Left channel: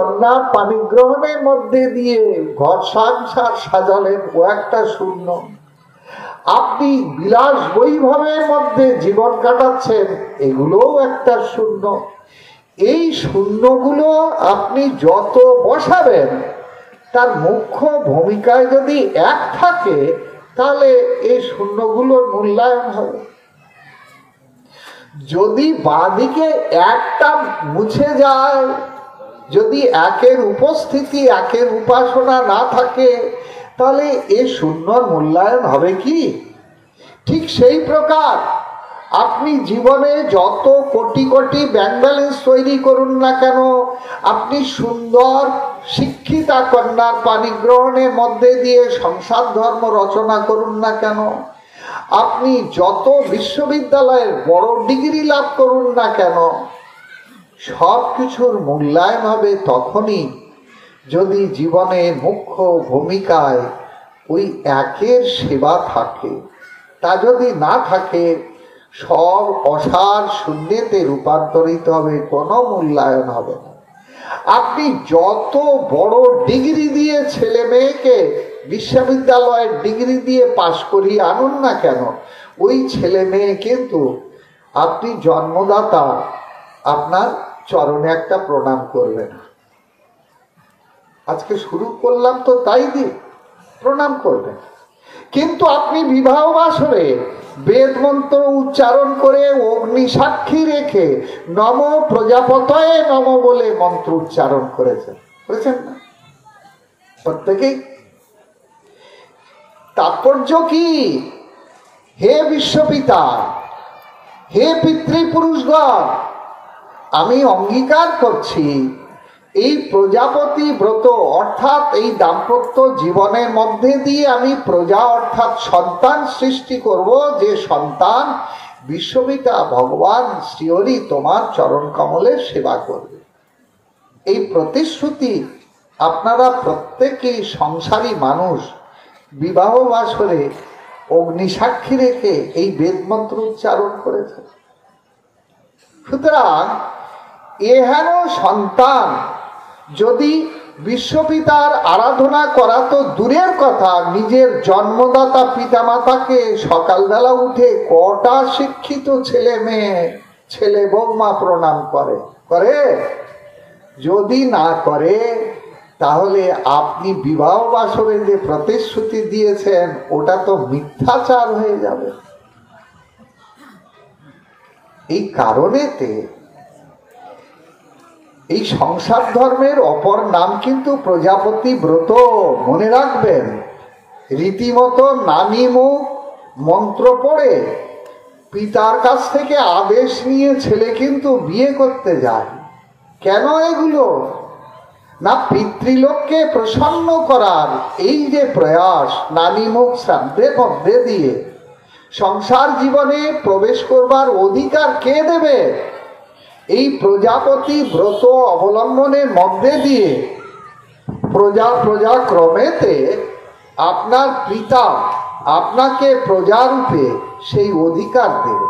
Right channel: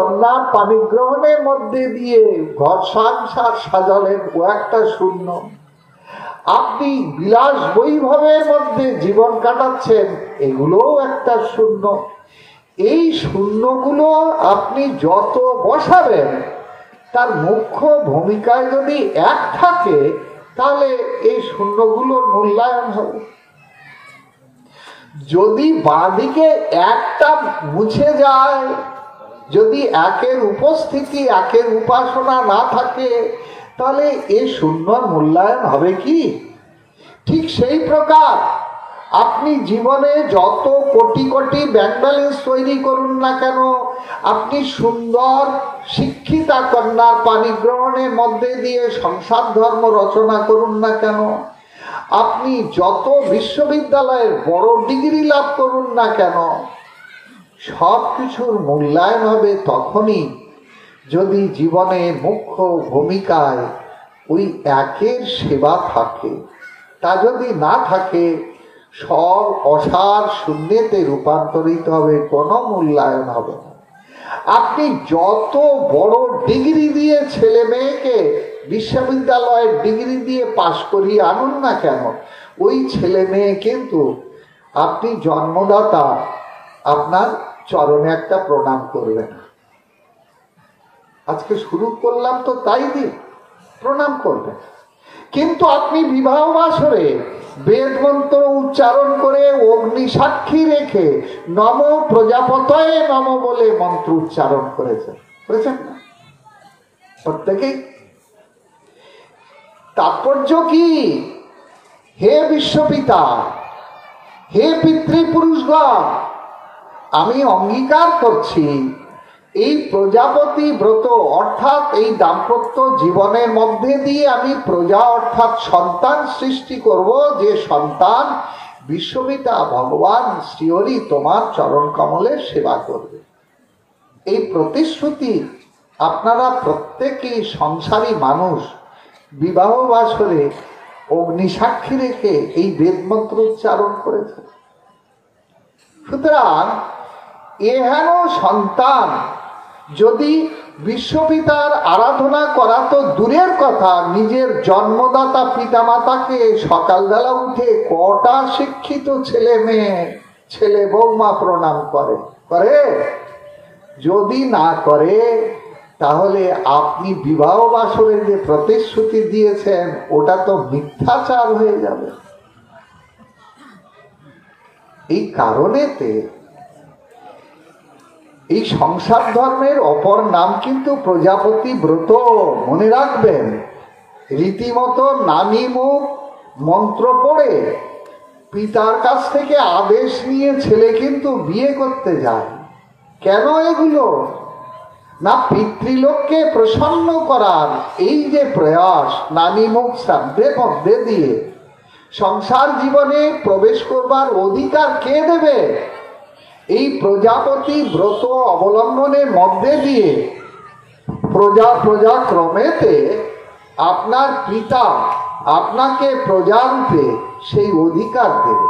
কন্যার পানি গ্রহণের মধ্যে দিয়ে ঘর সংসার সাজালেন, ও একটা শূন্য। আপনি বিলাস বৈভবের মধ্যে জীবন কাটাচ্ছেন, এগুলোও একটা শূন্য। এই শূন্যগুলো আপনি যত বসাবেন, তার মুখ্য ভূমিকায় যদি এক থাকে, তাহলে এই শূন্যগুলোর মূল্যায়ন হবে। যদি বাঁদিকে একটা মুছে যায়, যদি একের উপস্থিতি, একের উপাসনা না থাকে, তাহলে এই শূন্যর মূল্যায়ন হবে কি? ঠিক সেই প্রকার আপনি জীবনে যত কোটি কোটি ব্যাংক ব্যালেন্স তৈরি করুন না কেন, আপনি সুন্দর শিক্ষিতা কন্যার পানি গ্রহণের মধ্যে দিয়ে সংসার ধর্ম রচনা করুন না কেন, আপনি যত বিশ্ববিদ্যালয়ের বড় ডিগ্রি লাভ করুন না কেন, সব কিছুর মূল্যায়ন হবে তখনই যদি জীবনের মুখ্য ভূমিকায় ওই একের সেবা থাকে। তা যদি না থাকে, সব অসার শূন্যতে রূপান্তরিত হবে, কোনো মূল্যায়ন হবে না। আপনি যত বড় ডিগ্রি দিয়ে ছেলে মেয়েকে বিশ্ববিদ্যালয়ের ডিগ্রি দিয়ে পাশ করিয়ে আনুন না কেন, ওই ছেলে মেয়ে কিন্তু আপনি জন্মদাতা আপনার চরণে একটা প্রণাম করবে না। আজকে শুরু করলাম তো তাই দিয়ে প্রণাম করবেন। কিন্তু আপনি বিবাহ বাসরে বেদ মন্ত্র উচ্চারণ করে অগ্নি সাক্ষী রেখে নম প্রজাপতয়ে নম বলে মন্ত্র উচ্চারণ করেছেন না প্রত্যেকেই? তাৎপর্য কি? হে বিশ্বপিতা, হে পিতৃপুরুষগণ, আমি অঙ্গীকার করছি এই প্রজাপতি ব্রত অর্থাৎ এই দাম্পত্য জীবনের মধ্যে দিয়ে আমি প্রজা অর্থাৎ সন্তান সৃষ্টি করব, যে সন্তান বিশ্বপিতা ভগবান শ্রীহরি তোমার চরণ কমলের সেবা করবে। এই প্রতিশ্রুতি আপনারা প্রত্যেকেই সংসারী মানুষ বিবাহ বাসরে অগ্নিসাক্ষী রেখে এই বেদমন্ত্র উচ্চারণ করেছে। সুতরাং এহেন সন্তান যদি বিশ্বপিতার আরাধনা করা তো দূরের কথা, নিজের জন্মদাতা পিতামাতাকে সকালবেলা উঠে কটা শিক্ষিত ছেলে মেয়ে ছেলে বৌমা প্রণাম করে? যদি না করে, তাহলে আপনি বিবাহ বাসরে যে প্রতিশ্রুতি দিয়েছেন ওটা তো মিথ্যাচার হয়ে যাবে। এই কারণেতে এই সংসার ধর্মের অপর নাম কিন্তু প্রজাপতি ব্রত। মনে রাখবেন, রীতিমতো নামি মুখ মন্ত্র পড়ে পিতার কাছ থেকে আদেশ নিয়ে ছেলে কিন্তু বিয়ে করতে যায়। কেন এগুলো? না, পিতৃলোককে প্রসন্ন করার এই যে প্রয়াস, নামি মুখ শ্রাদ্ধে পদ্মে দিয়ে সংসার জীবনে প্রবেশ করবার অধিকার কে দেবে? এই প্রজাপতি ব্রত অবলম্বনের মধ্যে দিয়ে প্রজা ক্রমেতে আপনার পিতা আপনাকে প্রজারূপে সেই অধিকার দেবে।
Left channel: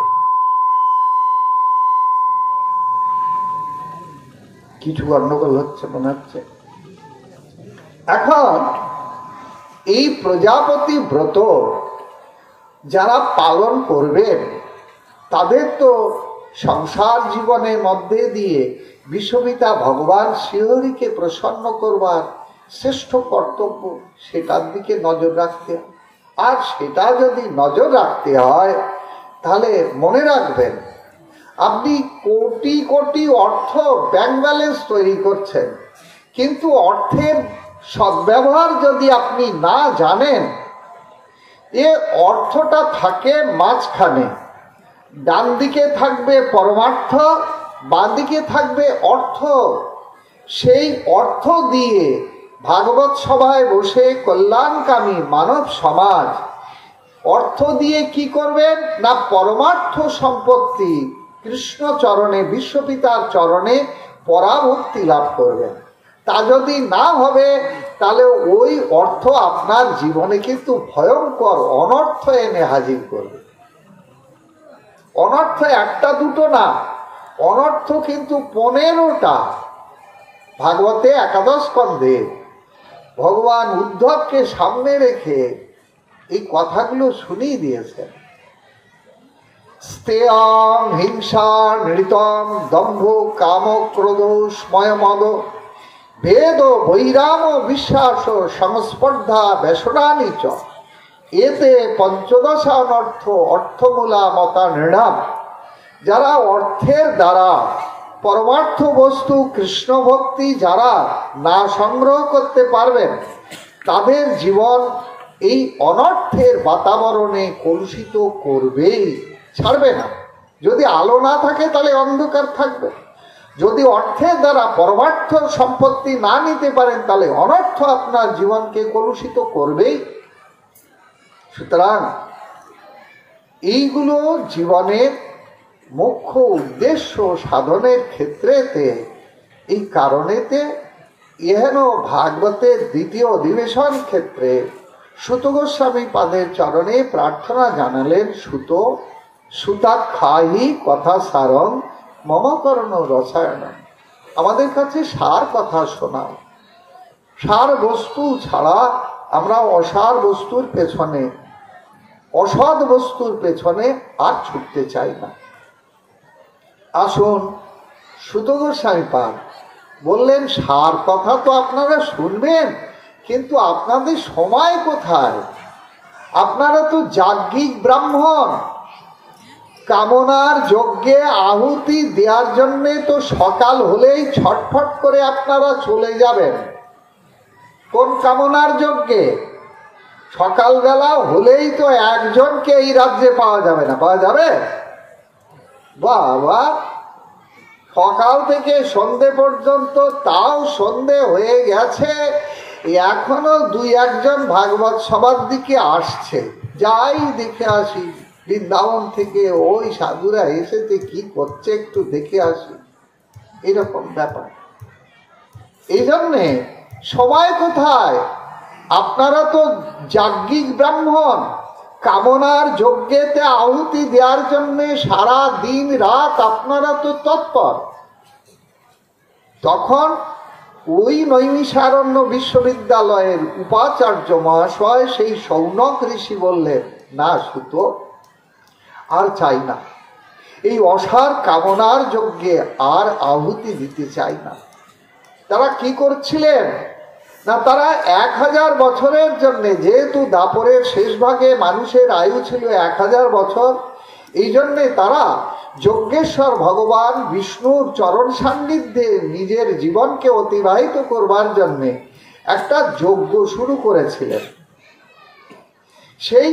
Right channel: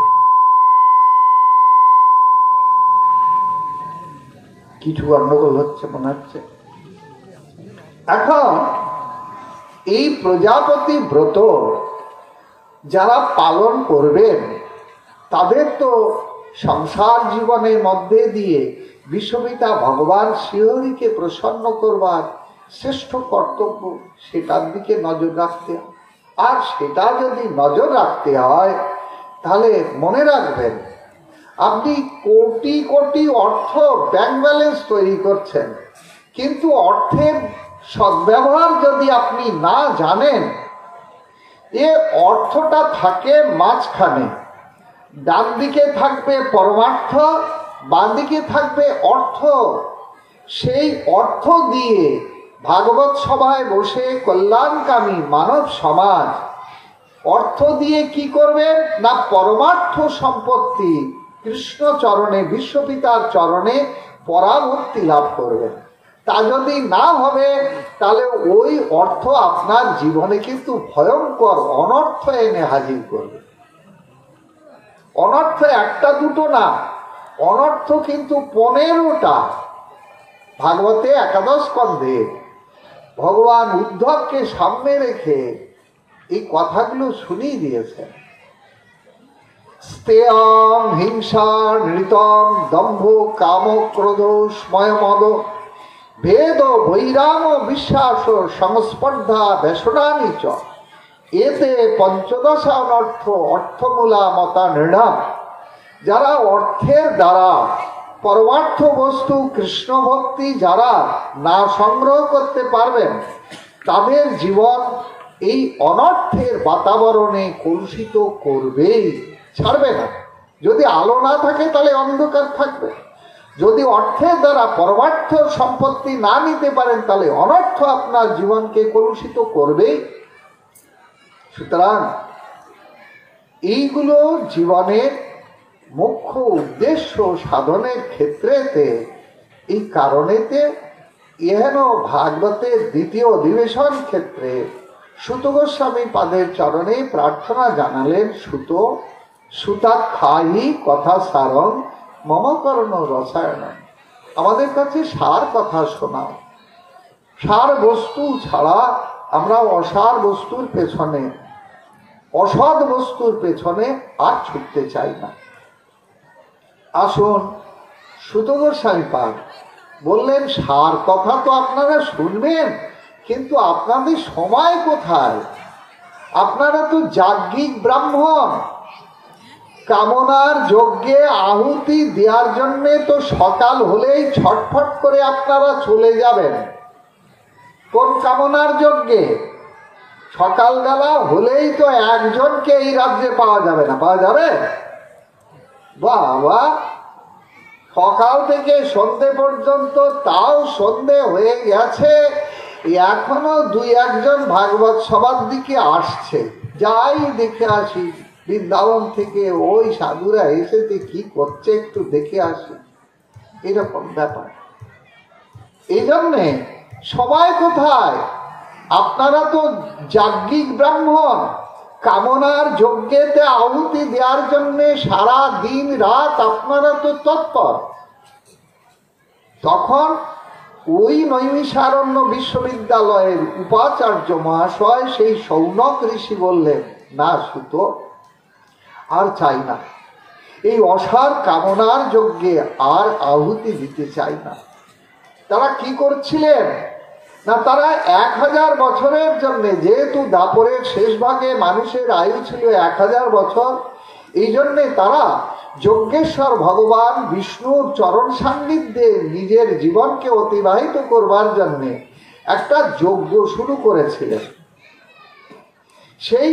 কিছু গন্ডগোল হচ্ছে মনে হচ্ছে। এখন এই প্রজাপতি ব্রত যারা পালন করবেন, তাদের তো সংসার জীবনের মধ্যে দিয়ে বিশ্বপিতা ভগবান শ্রীহরিকে প্রসন্ন করবার শ্রেষ্ঠ কর্তব্য, সেটার দিকে নজর রাখতে। আর সেটা যদি নজর রাখতে হয়, তাহলে মনে রাখবেন, আপনি কোটি কোটি অর্থ ব্যাংক ব্যালেন্স তৈরি করছেন, কিন্তু অর্থের সদ্ব্যবহার যদি আপনি না জানেন, এ অর্থটা থাকে মাঝখানে। ডান দিকে থাকবে পরমার্থ, বাঁ দিকে থাকবে অর্থ। সেই অর্থ দিয়ে ভাগবত সভায় বসে কল্যাণকামী মানব সমাজ অর্থ দিয়ে কি করবেন? না, পরমার্থ সম্পত্তি কৃষ্ণ চরণে, বিশ্বপিতার চরণে পরাভক্তি লাভ করবেন। তা যদি না হবে, তাহলে ওই অর্থ আপনার জীবনে কিন্তু ভয়ঙ্কর অনর্থ এনে হাজির করবে। অনর্থ একটা দুটো না, অনর্থ কিন্তু 15টা। ভাগবতে একাদশ স্কন্ধে ভগবান উদ্ধবকে সামনে রেখে এই কথাগুলো শুনিয়ে দিয়েছেন। স্তেয়ং হিংসা নৃতং দম্ভ কাম ক্রোধ স্ময় মদ ভেদ বৈরাম বিশ্বাস সংস্পর্ধা বেসরানি চ এতে পঞ্চদশ অনর্থ অর্থমূলা মতা নৃণাম। যারা অর্থের দ্বারা পরমার্থ বস্তু কৃষ্ণ ভক্তি যারা না সংগ্রহ করতে পারবেন, তাদের জীবন এই অনর্থের বাতাবরণে কলুষিত করবেই, ছাড়বে না। যদি আলো না থাকে তাহলে অন্ধকার থাকবে। যদি অর্থের দ্বারা পরমার্থ সম্পত্তি না নিতে পারেন তাহলে অনর্থ আপনার জীবনকে কলুষিত করবেই। সুতরাং এইগুলো জীবনের মুখ্য উদ্দেশ্য সাধনের ক্ষেত্রেতে, এই কারণেতে এহেন ভাগবতের দ্বিতীয় অধিবেশন ক্ষেত্রে সুত গোস্বামী পাদের চরণে প্রার্থনা জানালেন, সুতাক্ষায়ী কথা সারং মম করণ রসায়ন। আমাদের কাছে সার কথা শোনাও। সার বস্তু ছাড়া আমরা অসার বস্তুর পেছনে, অসৎ বস্তুর পেছনে আর ছুটতে চাই না। আসুন, সুত গোস্বামী পাদ বললেন সার কথা তো আপনারা শুনবেন, কিন্তু আপনাদের সময় কোথায়? আপনারা তো যাজ্ঞিক ব্রাহ্মণ। কামনার যজ্ঞে আহুতি দেওয়ার জন্য তো সকাল হলেই ছটফট করে আপনারা চলে যাবেন। কোন কামনার যজ্ঞে? সকালবেলা হলেই তো একজনকে এই রাজ্যে পাওয়া যাবে না। পাওয়া যাবে? বাবা, সকাল থেকে সন্ধে পর্যন্ত, তাও সন্ধে হয়ে গেছে, এখনো দুই একজন ভাগবত সভার দিকে আসছে। যাই দেখে আসি, বৃন্দাবন থেকে ওই সাধুরা এসেছে, কি করছে একটু দেখে আসি, এরকম ব্যাপার। এই জন্যে সময় কোথায়? আপনারা তো যাজ্ঞিক ব্রাহ্মণ, কামনার যজ্ঞেতে আহুতি দেওয়ার জন্য সারা দিন রাত আপনারা তো তৎপর। তখন ওই নৈমিষারণ্য বিশ্ববিদ্যালয়ের উপাচার্য মহাশয় সেই শৌনক ঋষি বললেন, না সুত, আর চাই না, এই অসার কামনার যজ্ঞে আর আহুতি দিতে চাই না। তারা কি করছিলেন না, তারা 1000 বছরের জন্য, যেহেতু দাপরের শেষ ভাগে মানুষের আয়ু ছিল 1000 বছর, এই জন্যে তারা যজ্ঞেশ্বর ভগবান বিষ্ণুর চরণ সান্নিধ্যে নিজের জীবনকে অতিবাহিত করবার জন্য একটা যজ্ঞ শুরু করেছিলেন। সেই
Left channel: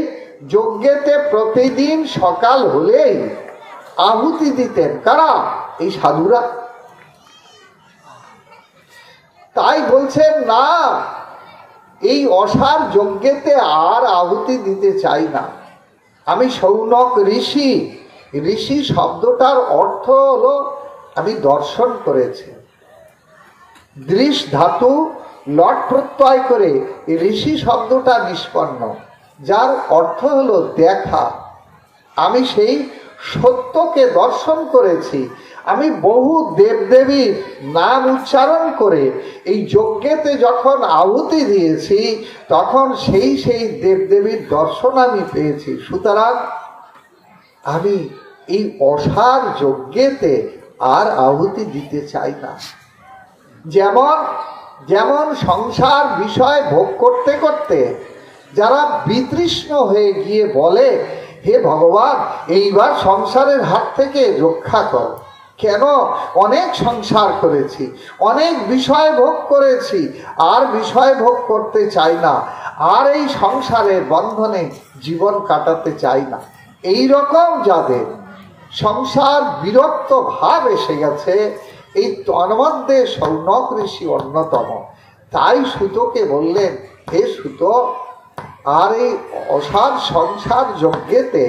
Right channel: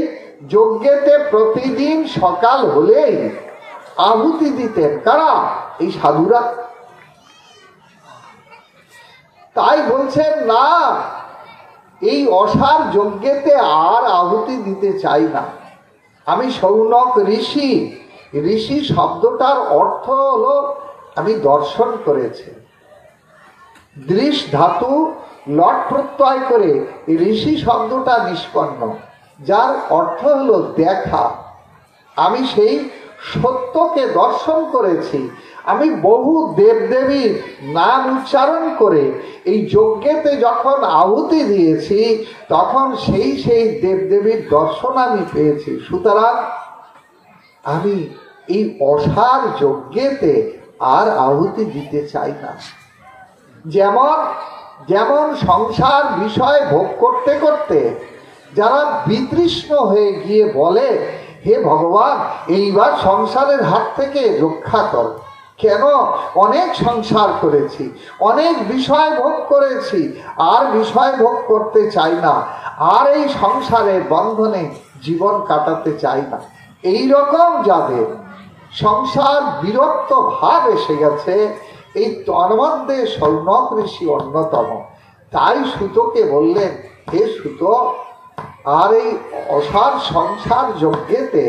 যজ্ঞেতে প্রতিদিন সকাল হলেই আহুতি দিতেন কারা? এই সাধুরা। তাই বলছেন না, এই অসার যজ্ঞেতে আর আহুতি দিতে চাই না। আমি শৌনক ঋষি, ঋষি শব্দটার অর্থ হলো আমি দর্শন করেছি। দৃশ ধাতু লট প্রত্যয় করে ঋষি শব্দটা নিষ্পন্ন, যার অর্থ হলো দেখা। আমি সেই সত্যকে দর্শন করেছি। আমি বহু দেবদেবীর নাম উচ্চারণ করে এই যজ্ঞেতে যখন আহুতি দিয়েছি, তখন সেই দেবদেবীর দর্শন আমি পেয়েছি। সুতরাং আমি এই অসার যজ্ঞেতে আর আহুতি দিতে চাই না। যেমন যেমন সংসার বিষয় ভোগ করতে করতে যারা বিতৃষ্ণ হয়ে গিয়ে বলে, হে ভগবান, এইবার সংসারের হাত থেকে রক্ষা কর। কেন? অনেক সংসার করেছি, অনেক বিষয় ভোগ করেছি, আর বিষয় ভোগ করতে চাই না, আর এই সংসারের বন্ধনে জীবন কাটাতে চাই না। এই রকম যাদের সংসার বিরক্ত ভাব এসে গেছে, এই তন্মধ্যে শৌনক ঋষি অন্যতম। তাই সুতকে বললেন, হে সুত, আর এই অসার সংসার যজ্ঞেতে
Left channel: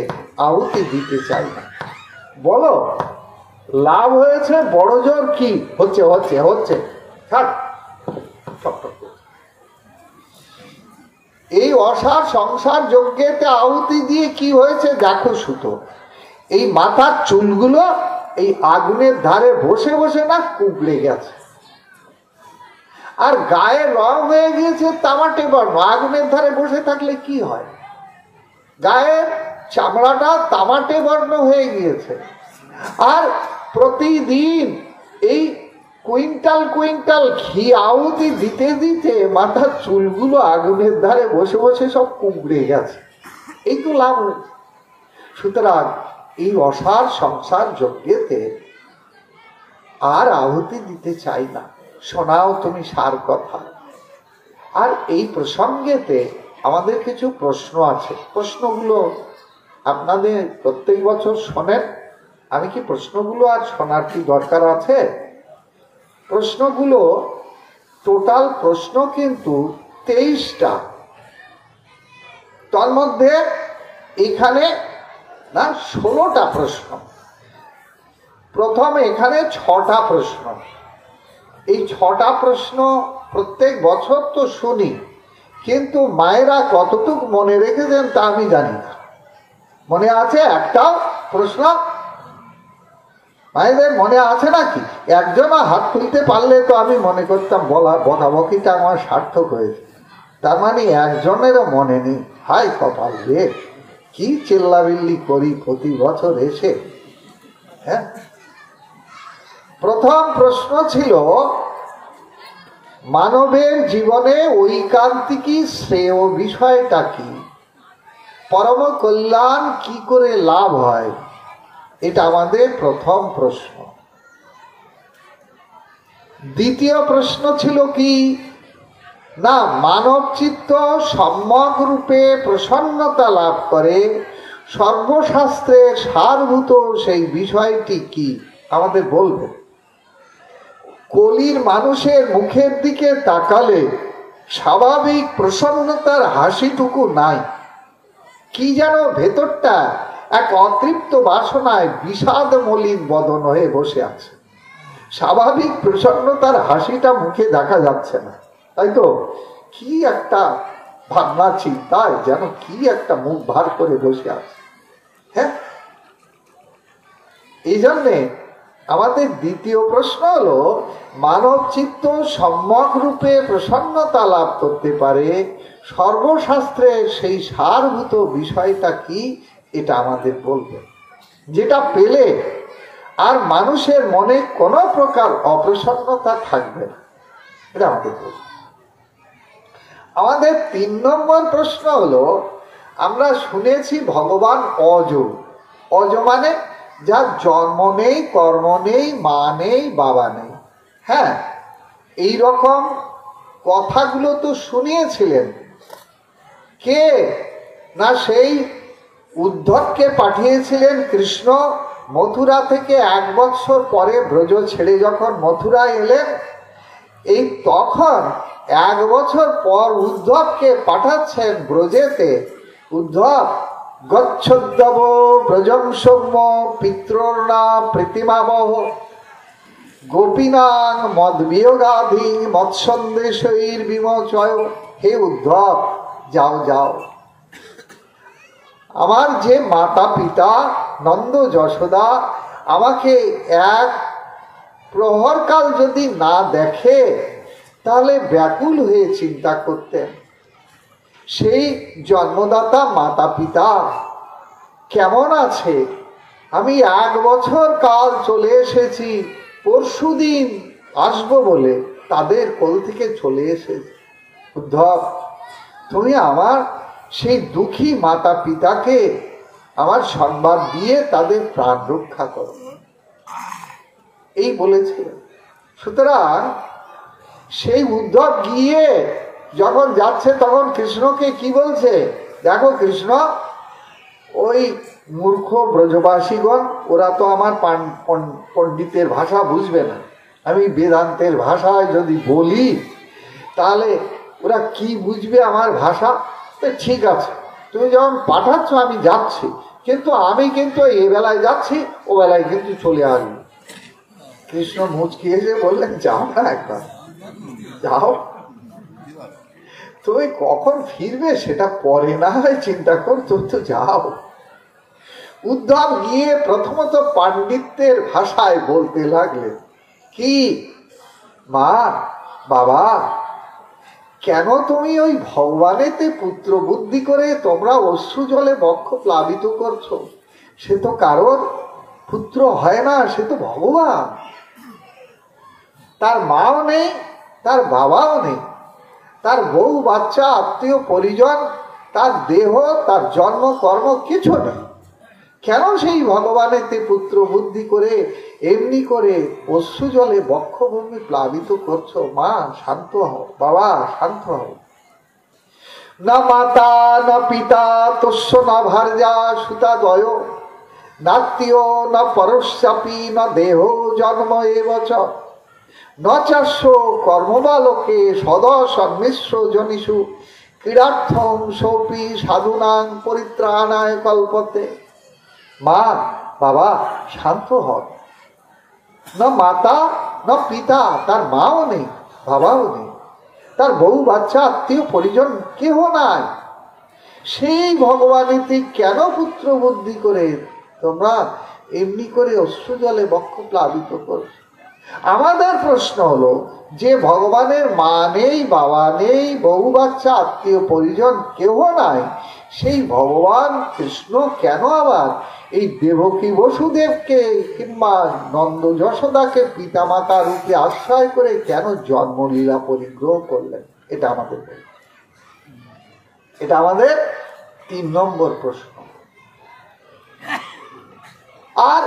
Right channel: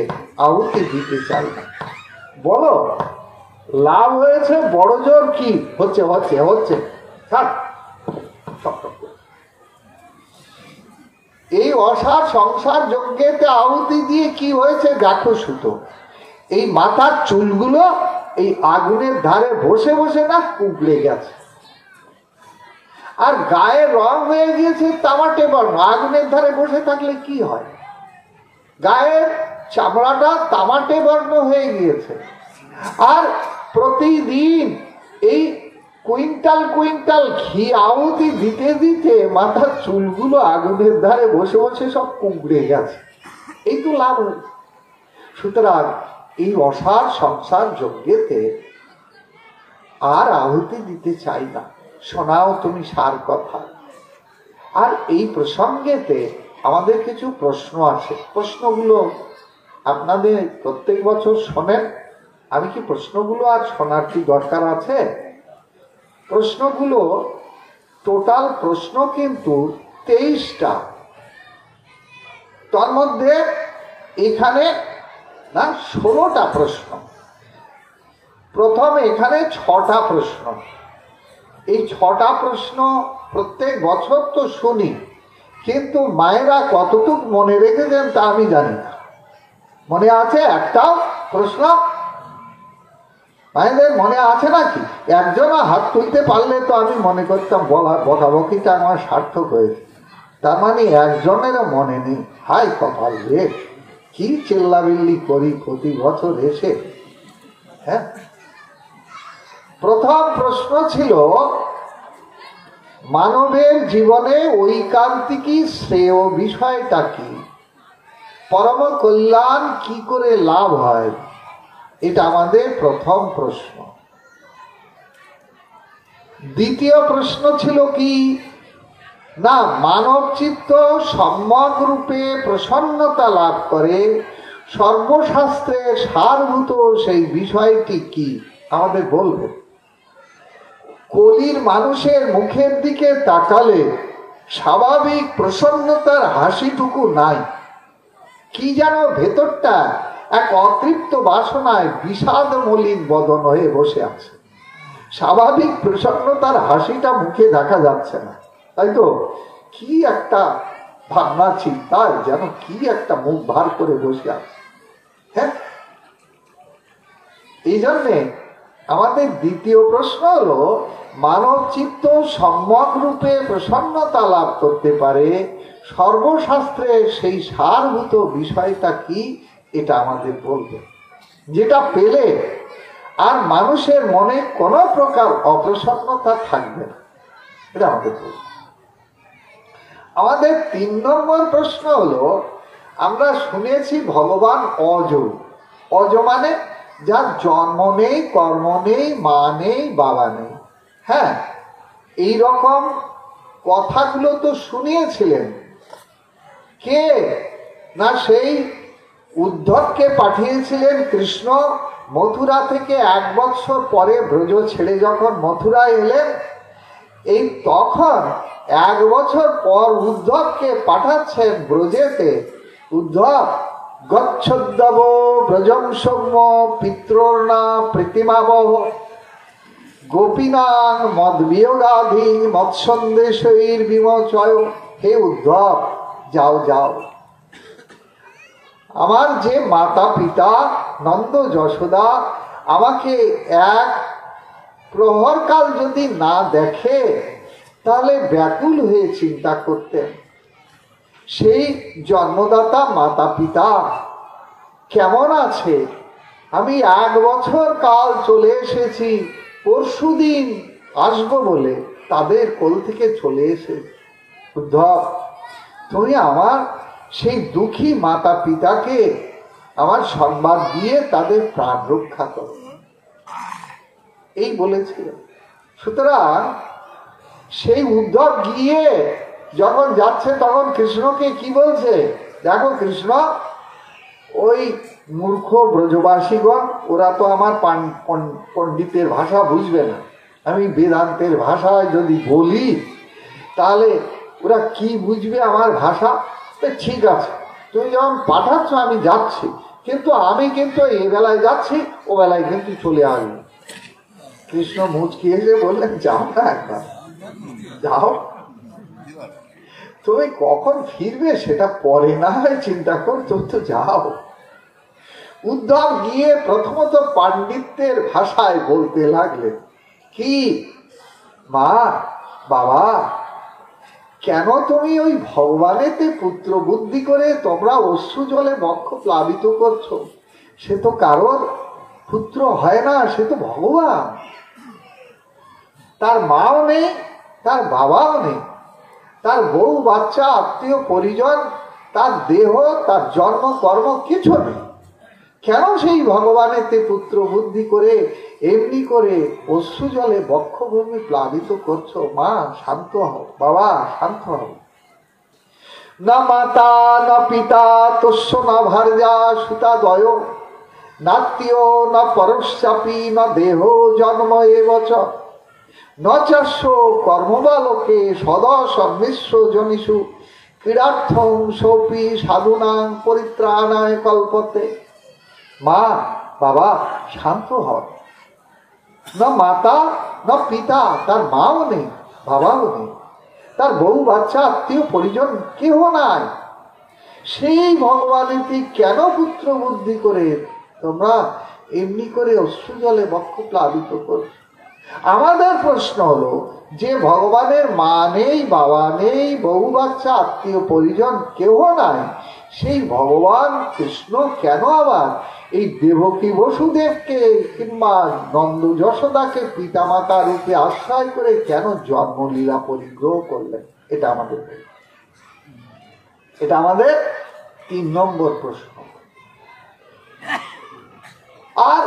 আহুতি দিতে চাই না। বলো, লাভ হয়েছে বড় জোর কি হচ্ছে? হচ্ছে হচ্ছে এই অসার সংসার যজ্ঞেতে আহুতি দিয়ে কি হয়েছে দেখো সুত। এই মাথার চুলগুলো এই আগুনের ধারে বসে বসে না কুঁকড়ে গেছে। আর গায়ে রং হয়ে গিয়েছে তামাটে বর্ণ। আগুনের ধারে বসে থাকলে কি হয়? গায়ের চামড়াটা তামাটে বর্ণ হয়ে গিয়েছে। আর প্রতিদিন এই কুইন্টাল কুইন্টাল ঘি আহুতি দিতে দিতে মাথার চুলগুলো আগুনের ধারে বসে বসে সব কুঁকড়ে গেছে। এই তো লাভ হয়েছে। সুতরাং এই অসার সংসার যজ্ঞেতে আর আহুতি দিতে চাই না। শোনাও তুমি সার কথা। আর এই প্রসঙ্গেতে আমাদের কিছু প্রশ্ন আছে। প্রশ্নগুলো আপনাদের প্রত্যেক বছর শোনেন। আমি কি প্রশ্নগুলো আর শোনার কি দরকার আছে? প্রশ্নগুলো টোটাল প্রশ্ন কিন্তু 23টা। তার মধ্যে এখানে না 16টা প্রশ্ন। প্রথম এখানে 6টা প্রশ্ন। এই 6টা প্রশ্ন প্রত্যেক বছর তো শুনি, কিন্তু মায়েরা কতটুকু মনে রেখেছেন তা আমি জানি না। মনে আছে একটাও প্রশ্ন? মায়েদের মনে আছে নাকি? একজনও হাত তুলতে পারলে তো আমি মনে করতাম বকাবকিটা আমার সার্থক হয়েছে। তার মানে একজনেরও মনে নেই। হাই কপাল রে, কি চিল্লাবিল্লি করি প্রতি বছর এসে। হ্যাঁ, প্রথম প্রশ্ন ছিল মানবের জীবনে ঐকান্তিকী শ্রেয় বিষয়টা কি? পরম কল্যাণ কি করে লাভ হয়? এটা আমাদের প্রথম প্রশ্ন। দ্বিতীয় প্রশ্ন ছিল কি না, মানব চিত্ত সম্যক রূপে প্রসন্নতা লাভ করে সর্বশাস্ত্রের সারভূত সেই বিষয়টি কি আমাদের বলবেন। কলির মানুষের মুখের দিকে তাকালে স্বাভাবিক প্রসন্নতার হাসিটুকু নাই। কি যেন ভেতরটা এক অতৃপ্ত বাসনায় বিষাদ মলিন বদন হয়ে বসে আছে। স্বাভাবিক প্রসন্নতার হাসিটা মুখে দেখা যাচ্ছে না, তাই তো? কি একটা ভাবনা চিন্তায় যেন কি একটা মুখ ভার করে বসে আছে। হ্যাঁ, এই জন্যে আমাদের দ্বিতীয় প্রশ্ন হলো মানব চিত্ত সম্যক রূপে প্রসন্নতা লাভ করতে পারে সর্বশাস্ত্রের সেই সারভূত বিষয়টা কি, এটা আমাদের বলবে। যেটা পেলে আর মানুষের মনে কোনো প্রকার অপ্রসন্নতা থাকবে না, এটা আমাদের বলবে। আমাদের 3 নম্বর প্রশ্ন হলো, আমরা শুনেছি ভগবান অজ। অজ মানে যার জন্ম নেই, কর্ম নেই, মা নেই, বাবা নেই। হ্যাঁ, এই রকম কথাগুলো তো শুনিয়েছিলেন কে না, সেই উদ্ধবকে পাঠিয়েছিলেন কৃষ্ণ। মথুরা থেকে 1 বৎসর পরে ব্রজ ছেড়ে যখন মথুরা এলেন, এই তখন 1 বছর পর উদ্ধবকে পাঠাচ্ছেন ব্রজেতে। উদ্ধব গচ্ছদ্যব ব্রজং সৌম্য পিত্রর্ণা প্রীতিমাবহ গোপীনাং মদবিয়োগাধি মৎসন্দেশৈর বিমোচয়। হে উদ্ধব, যাও যাও। আমার যে মাতা পিতা নন্দ যশোদা আমাকে 1 প্রহরকাল যদি না দেখে তাহলে ব্যাকুল হয়ে চিন্তা করতেন সেই জন্মদাতা মাতা পিতা কেমন আছে। আমি 1 বছর কাল চলে এসেছি, পরশুদিন আসবো বলে তাদের কোল থেকে চলে এসেছি। উদ্ধব, তুমি আমার সেই দুঃখী মাতা পিতাকে আমার সংবাদ দিয়ে তাদের প্রাণ রক্ষা করো, এই বলেছিল। সুতরাং সেই উদ্ধব গিয়ে যখন যাচ্ছে তখন কৃষ্ণকে কি বলছে, দেখো কৃষ্ণ, ওই মূর্খ ব্রজবাসীগণ ওরা তো আমার পণ্ডিতের ভাষা বুঝবে না। আমি বেদান্তের ভাষায় যদি বলি তাহলে ওরা কি বুঝবে আমার ভাষা। ঠিক আছে, তুমি যখন পাঠাচ্ছ আমি যাচ্ছি, কিন্তু আমি কিন্তু এ বেলায় যাচ্ছি, ও বেলায় কিন্তু চলে আসবো। কৃষ্ণ মুচকি এসে বললেন, যাও না, একবার যাও, তুমি কখন ফিরবে সেটা পরে না হয় চিন্তা করছো, তো যাও। উদ্ধব গিয়ে প্রথমত পাণ্ডিত্যের ভাষায় বলতে লাগলেন, কি মা, বাবা কেন তুমি ওই ভগবানেতে পুত্র বুদ্ধি করে তোমরা অশ্রু জলে বক্ষ প্লাবিত করছো? সে তো কারোর পুত্র হয় না, সে তো ভগবান। তার মাও নেই, তার বাবাও নেই, তার বউ বাচ্চা আত্মীয় পরিজন, তার দেহ, তার জন্ম কর্ম কিছু নেই। কেন সেই ভগবানেতে পুত্র বুদ্ধি করে এমনি করে অশ্রু জলে বক্ষভূমি প্লাবিত করছো? মা শান্ত হও, বাবা শান্ত হও। না মাতা না পিতা তস্য না ভার্যা সুতা দয় নাত্মীয় না পরশ্চাপি না দেহ জন্ম এবচ নচাস্য কর্মবালকে সদা সন্মিশ্র জনিষু ক্রীড়ার্থং সোপি সাধুনাং পরিত্রাণায় কল্পতে। মা বাবা শান্ত হও। না মাতা না পিতা, তার মাও নেই, বাবাও নেই, তার বউ বাচ্চা আত্মীয় পরিজন কেহ নাই। সেই ভগবানেতে কেন পুত্র বুদ্ধি করে তোমরা এমনি করে অশ্রু জলে বক্ষ প্লাবিত করছো? আমাদের প্রশ্ন হলো যে ভগবানের মা নেই, বাবা নেই, বউ বাচ্চা আত্মীয় পরিজন কেহ নাই, সেই ভগবান কৃষ্ণ কেন আবার এই দেবকী বসুদেবকে কিংবা নন্দ যশোদাকে পিতামাতা রূপে আশ্রয় করে কেন জন্মলীলা পরিগ্রহ করলেন? এটা আমাদের এটা আমাদের 3 নম্বর প্রশ্ন। আর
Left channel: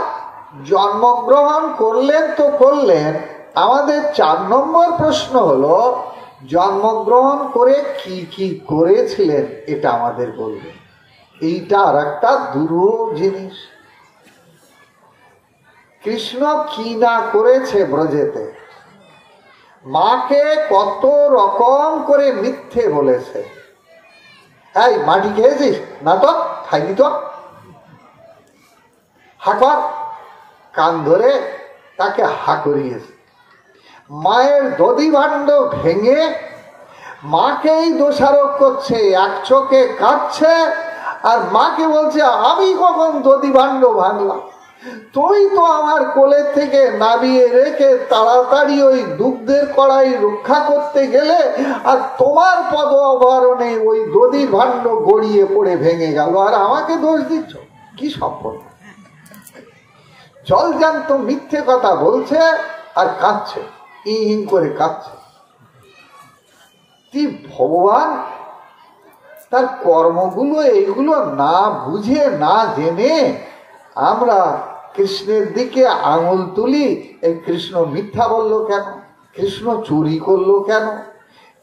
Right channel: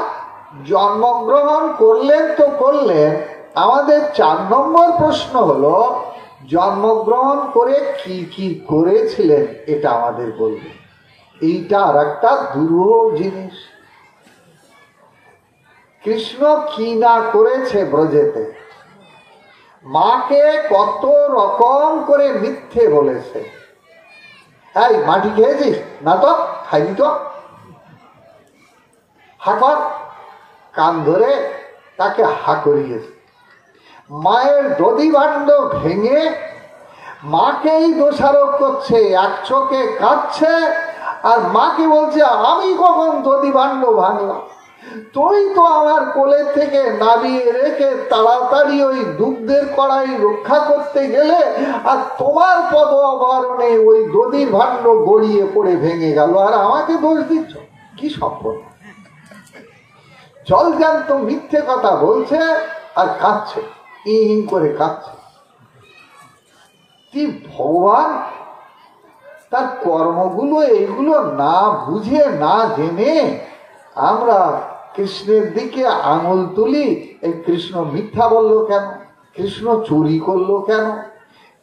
জন্মগ্রহণ করলেন তো করলেন, আমাদের 4 নম্বর প্রশ্ন হলো জন্মগ্রহণ করে কি কি করেছিলেন এটা আমাদের বলবেন। এইটা আর একটা দুরূহ জিনিস। কৃষ্ণ কি না করেছে ব্রজেতে। মাকে কত রকম করে মিথ্যে বলেছে। এই মাটি খেয়েছিস? না তো খাইনি তো। হাকর, কান ধরে তাকে হা করিয়েছে। মায়ের দধি ভাণ্ড ভেঙে মাকেই দোষারোপ করছে, এক চোখে কাঁদছে আর মাকে বলছে আমি কখন দধি ভাণ্ড ভাঙলাম? তুই তো আমার কোলের থেকে নামিয়ে রেখে তাড়াতাড়ি ওই দুগ্ধের কড়াই রক্ষা করতে গেলে আর তোমার পদ অবরণে ওই দধির ভাণ্ড গড়িয়ে পড়ে ভেঙে গেল, আর আমাকে দোষ দিচ্ছ? কি সম্পর্ক? জলজান্ত মিথ্যে কথা বলছে আর কাঁদছে, ইন করে কাঁদছে। কি ভগবান তার কর্মগুলো এগুলো না বুঝে না জেনে আমরা কৃষ্ণের দিকে আঙুল তুলি। এই কৃষ্ণ মিথ্যা বললো কেন? কৃষ্ণ চুরি করলো কেন?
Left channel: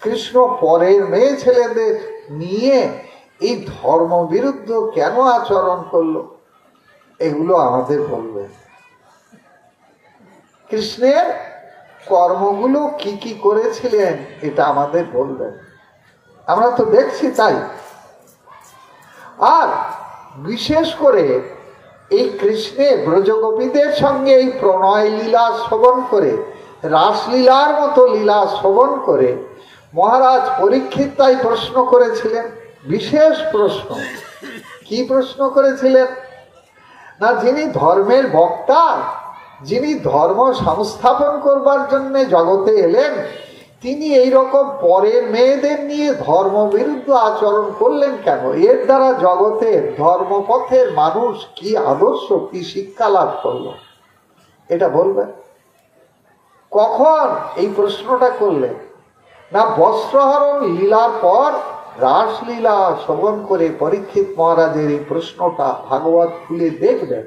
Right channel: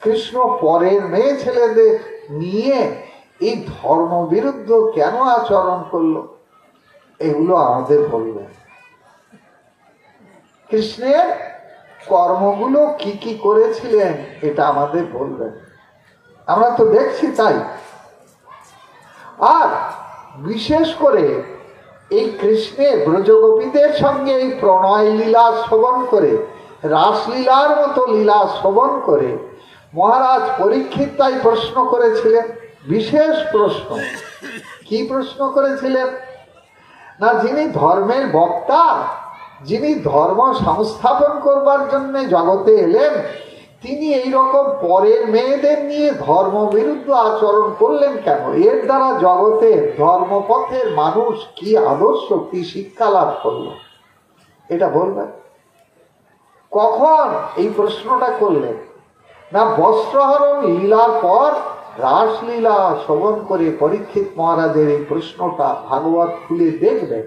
কৃষ্ণ পরের মেয়ে ছেলেদের নিয়ে এই ধর্ম বিরুদ্ধ কেন আচরণ করলো? এগুলো আমাদের বলবে। কৃষ্ণের কর্মগুলো কি কি করেছিলেন এটা আমাদের বলবেন। আমরা তো দেখছি তাই। আর বিশেষ করে এই কৃষ্ণের ব্রজগোপীদের সঙ্গে এই প্রণয় লীলা শ্রবণ করে, রাসলীলার মতো লীলা শ্রবণ করে মহারাজ পরীক্ষিত তাই প্রশ্ন করেছিলেন, বিশেষ প্রশ্ন। কি প্রশ্ন করেছিলেন? না, যিনি ধর্মের বক্তা, যিনি ধর্ম সংস্থাপন করবার জন্য জগতে এলেন, তিনি এইরকম পরের মেয়েদের নিয়ে ধর্ম বিরুদ্ধ আচরণ করলেন কেন? এর দ্বারা জগতের ধর্মপথের মানুষ কি আদর্শ, কি শিক্ষা লাভ করলো এটা বলবেন। কখন এই প্রশ্নটা করলেন? না, বস্ত্রহরণ লীলার পর রাসলীলা শ্রবণ করে পরীক্ষিত মহারাজের এই প্রশ্নটা ভাগবত খুলে দেখবেন।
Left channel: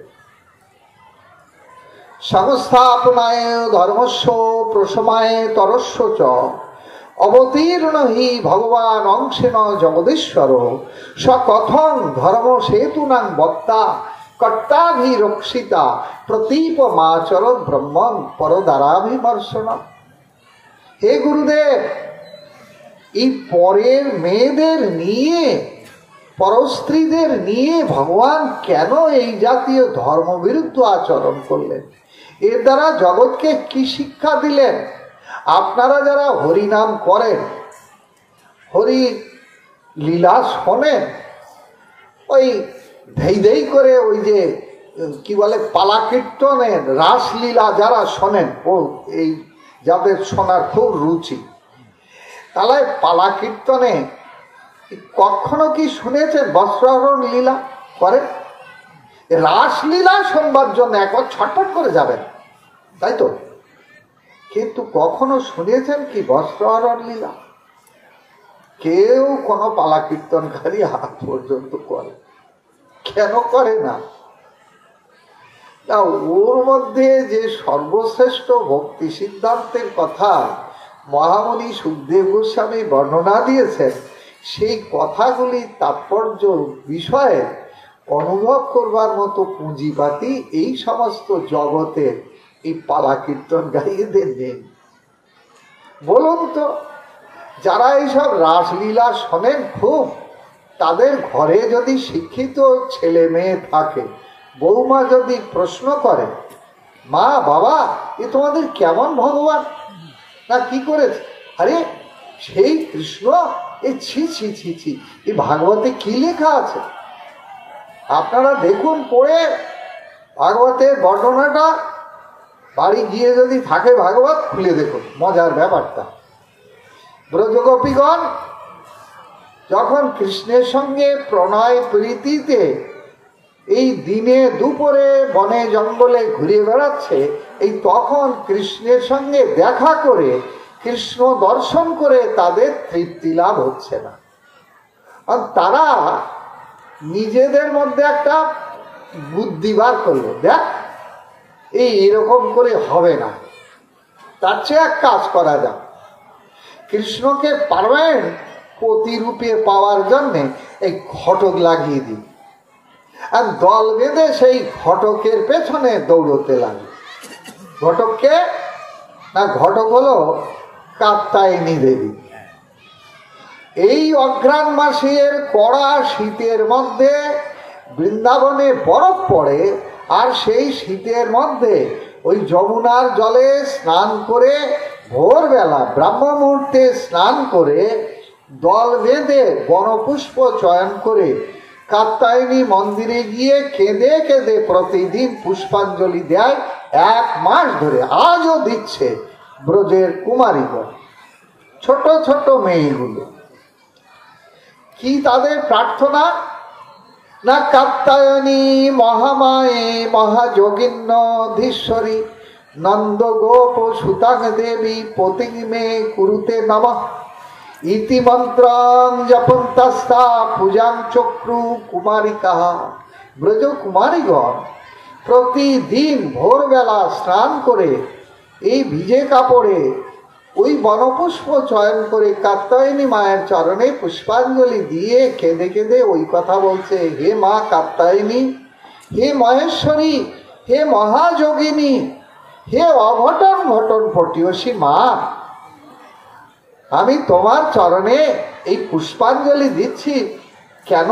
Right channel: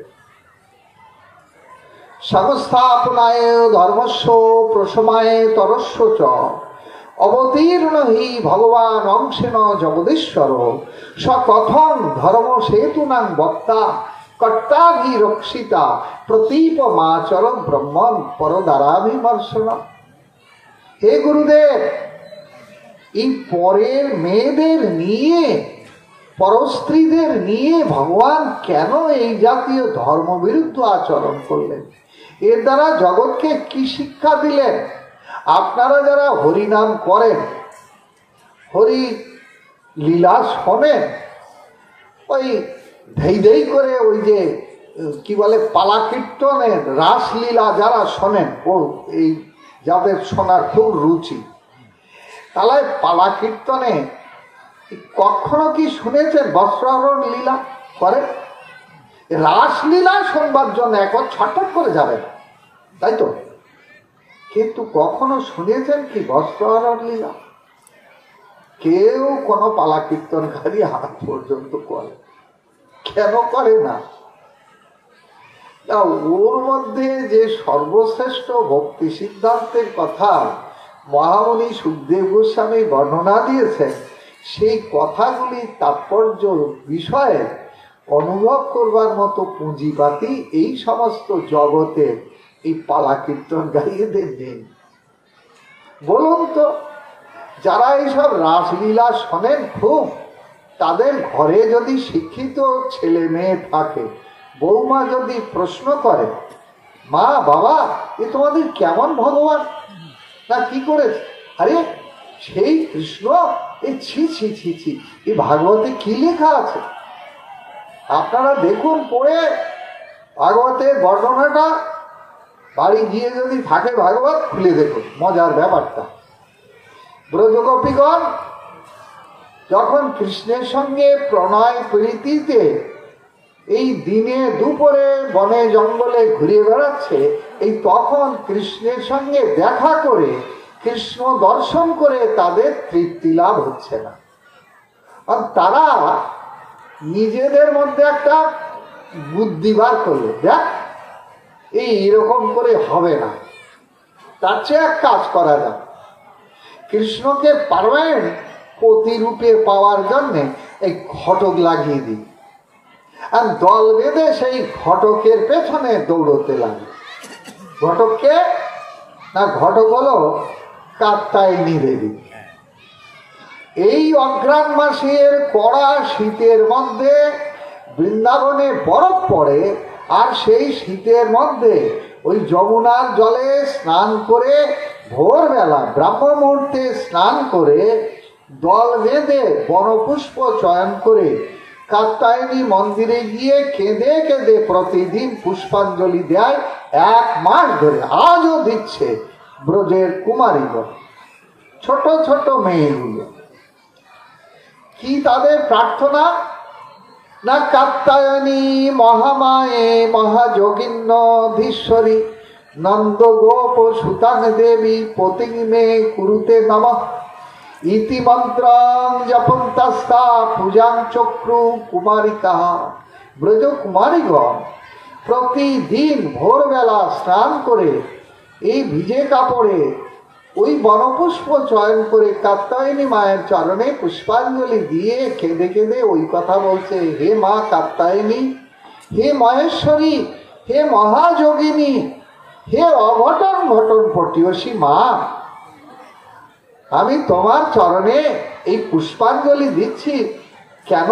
সংস্থাপনায় ধর্মস্য প্রশমায় তরস্য চ অবতীর্ণ হি ভগবান অংশেন জগদীশ্বর স কথং ধর্ম সেতুনাং বক্তা কর্তাভি রক্ষিতা প্রতীপ মাচর ব্রহ্মণ পরদারাভিমর্শন। হে গুরুদেব, এই পরের মেয়েদের নিয়ে, পরস্ত্রীদের নিয়ে ভগবান কেন এই জাতীয় ধর্মবিরুদ্ধ আচরণ করলেন? এর দ্বারা জগৎকে কি শিক্ষা দিলেন? আপনারা যারা হরিনাম করেন, হরি লীলা শোনেন, ওই ধেই ধেই করে ওই যে কি বলে পালা কীর্তনের রাসলীলা যারা শোনেন, ও এই যাদের শোনার খুব রুচি, তাহলে পালা কীর্তনে কখনো কি শুনেছেন বস্ত্রাহরণ লীলা করে? রাসলীলা শুনবার জন্য একবার ছটফট করে যাবেন, তাই তো, কিন্তু কখনো শুনেছেন কি বস্ত্রাহরণ লীলা? কেউ কোনো পালা কীর্তনকারী হাত পর্যন্ত করে, কেন করে না? ওর মধ্যে যে সর্বশ্রেষ্ঠ ভক্তি সিদ্ধান্তের কথা মহামুনি সুখদেব গোস্বামী বর্ণনা দিয়েছেন, সেই কথাগুলি তাৎপর্য বিষয়ে অনুভব করবার মতো পুঁজিপাতি এই সমস্ত জগতের এই পালা কীর্তনকারীদের নেই। বলুন তো, যারা এইসব রাসলীলা শোনেন খুব, তাদের ঘরে যদি শিক্ষিত ছেলে মেয়ে থাকে, বৌমা যদি প্রশ্ন করে, মা বাবা এ তোমাদের কেমন ভগবান, না কি করেছে? আরে সেই কৃষ্ণ, এ ছি ছি ছি ছি, এ ভাগবতে কি লেখা আছে আপনারা দেখুন পড়ে ভাগবতের বর্ণনাটা। বাড়ি গিয়ে যদি থাকে ভাগবত খুলে দেখুন, মজার ব্যাপারটা। ব্রজগোপীগণ যখন কৃষ্ণের সঙ্গে প্রণয় প্রীতিতে এই দিনে দুপুরে বনে জঙ্গলে ঘুরে বেড়াচ্ছে, এই তখন কৃষ্ণের সঙ্গে দেখা করে, কৃষ্ণ দর্শন করে তাদের তৃপ্তি লাভ হচ্ছে না। আর তারা নিজেদের মধ্যে একটা বুদ্ধি বার করলো, দেখ এইরকম করে হবে না, তার চেয়ে এক কাজ করা যাক, কৃষ্ণকে পার্মানেন্ট প্রতিরূপে পাওয়ার জন্য এই ঘটক লাগিয়ে দিই। আর দল বেঁধে সেই ঘটকের পেছনে দৌড়তে লাগে। ঘটককে না, ঘটক হলো কাত্যায়নী দেবী। এই অঘ্রাণ মাসের কড়া শীতের মধ্যে বৃন্দাবনে বরফ পড়ে, আর সেই শীতের মধ্যে ওই যমুনার জলে স্নান করে, ভোরবেলা ব্রাহ্ম মুহূর্তে স্নান করে, দল বেঁধে বনপুষ্প চয়ন করে কাত্যায়নী মন্দিরে গিয়ে কেঁদে কেঁদে প্রতিদিন পুষ্পাঞ্জলি দেয় 1 মাস ধরে। আজও দিচ্ছে ব্রজের কুমারীগণ, ছোট ছোট মেয়েগুলো। কি তাদের প্রার্থনা? না, কাত্যায়নী মহামায়ে মহাযোগিন্নধীশ্বরী নন্দ গোপ সুতাং দেবী পতিং মে কুরুতে নমঃ ইতি মন্ত্রং জপন্তাস্তা পূজাং চক্রু কুমারিকা। ব্রজ কুমারীগণ প্রতিদিন ভোরবেলা স্নান করে এই ভিজে কাপড়ে ওই বনপুষ্প চয়ন করে কাত্যায়নী মায়ের চরণে পুষ্পাঞ্জলি দিয়ে কেঁদে কেঁদে ওই কথা বলছে, হে মা কাত্যায়নী, হে মহেশ্বরী, হে মহাযোগিনী, হে অঘটন ঘটন পটিয়সী মা, আমি তোমার চরণে এই পুষ্পাঞ্জলি দিচ্ছি। কেন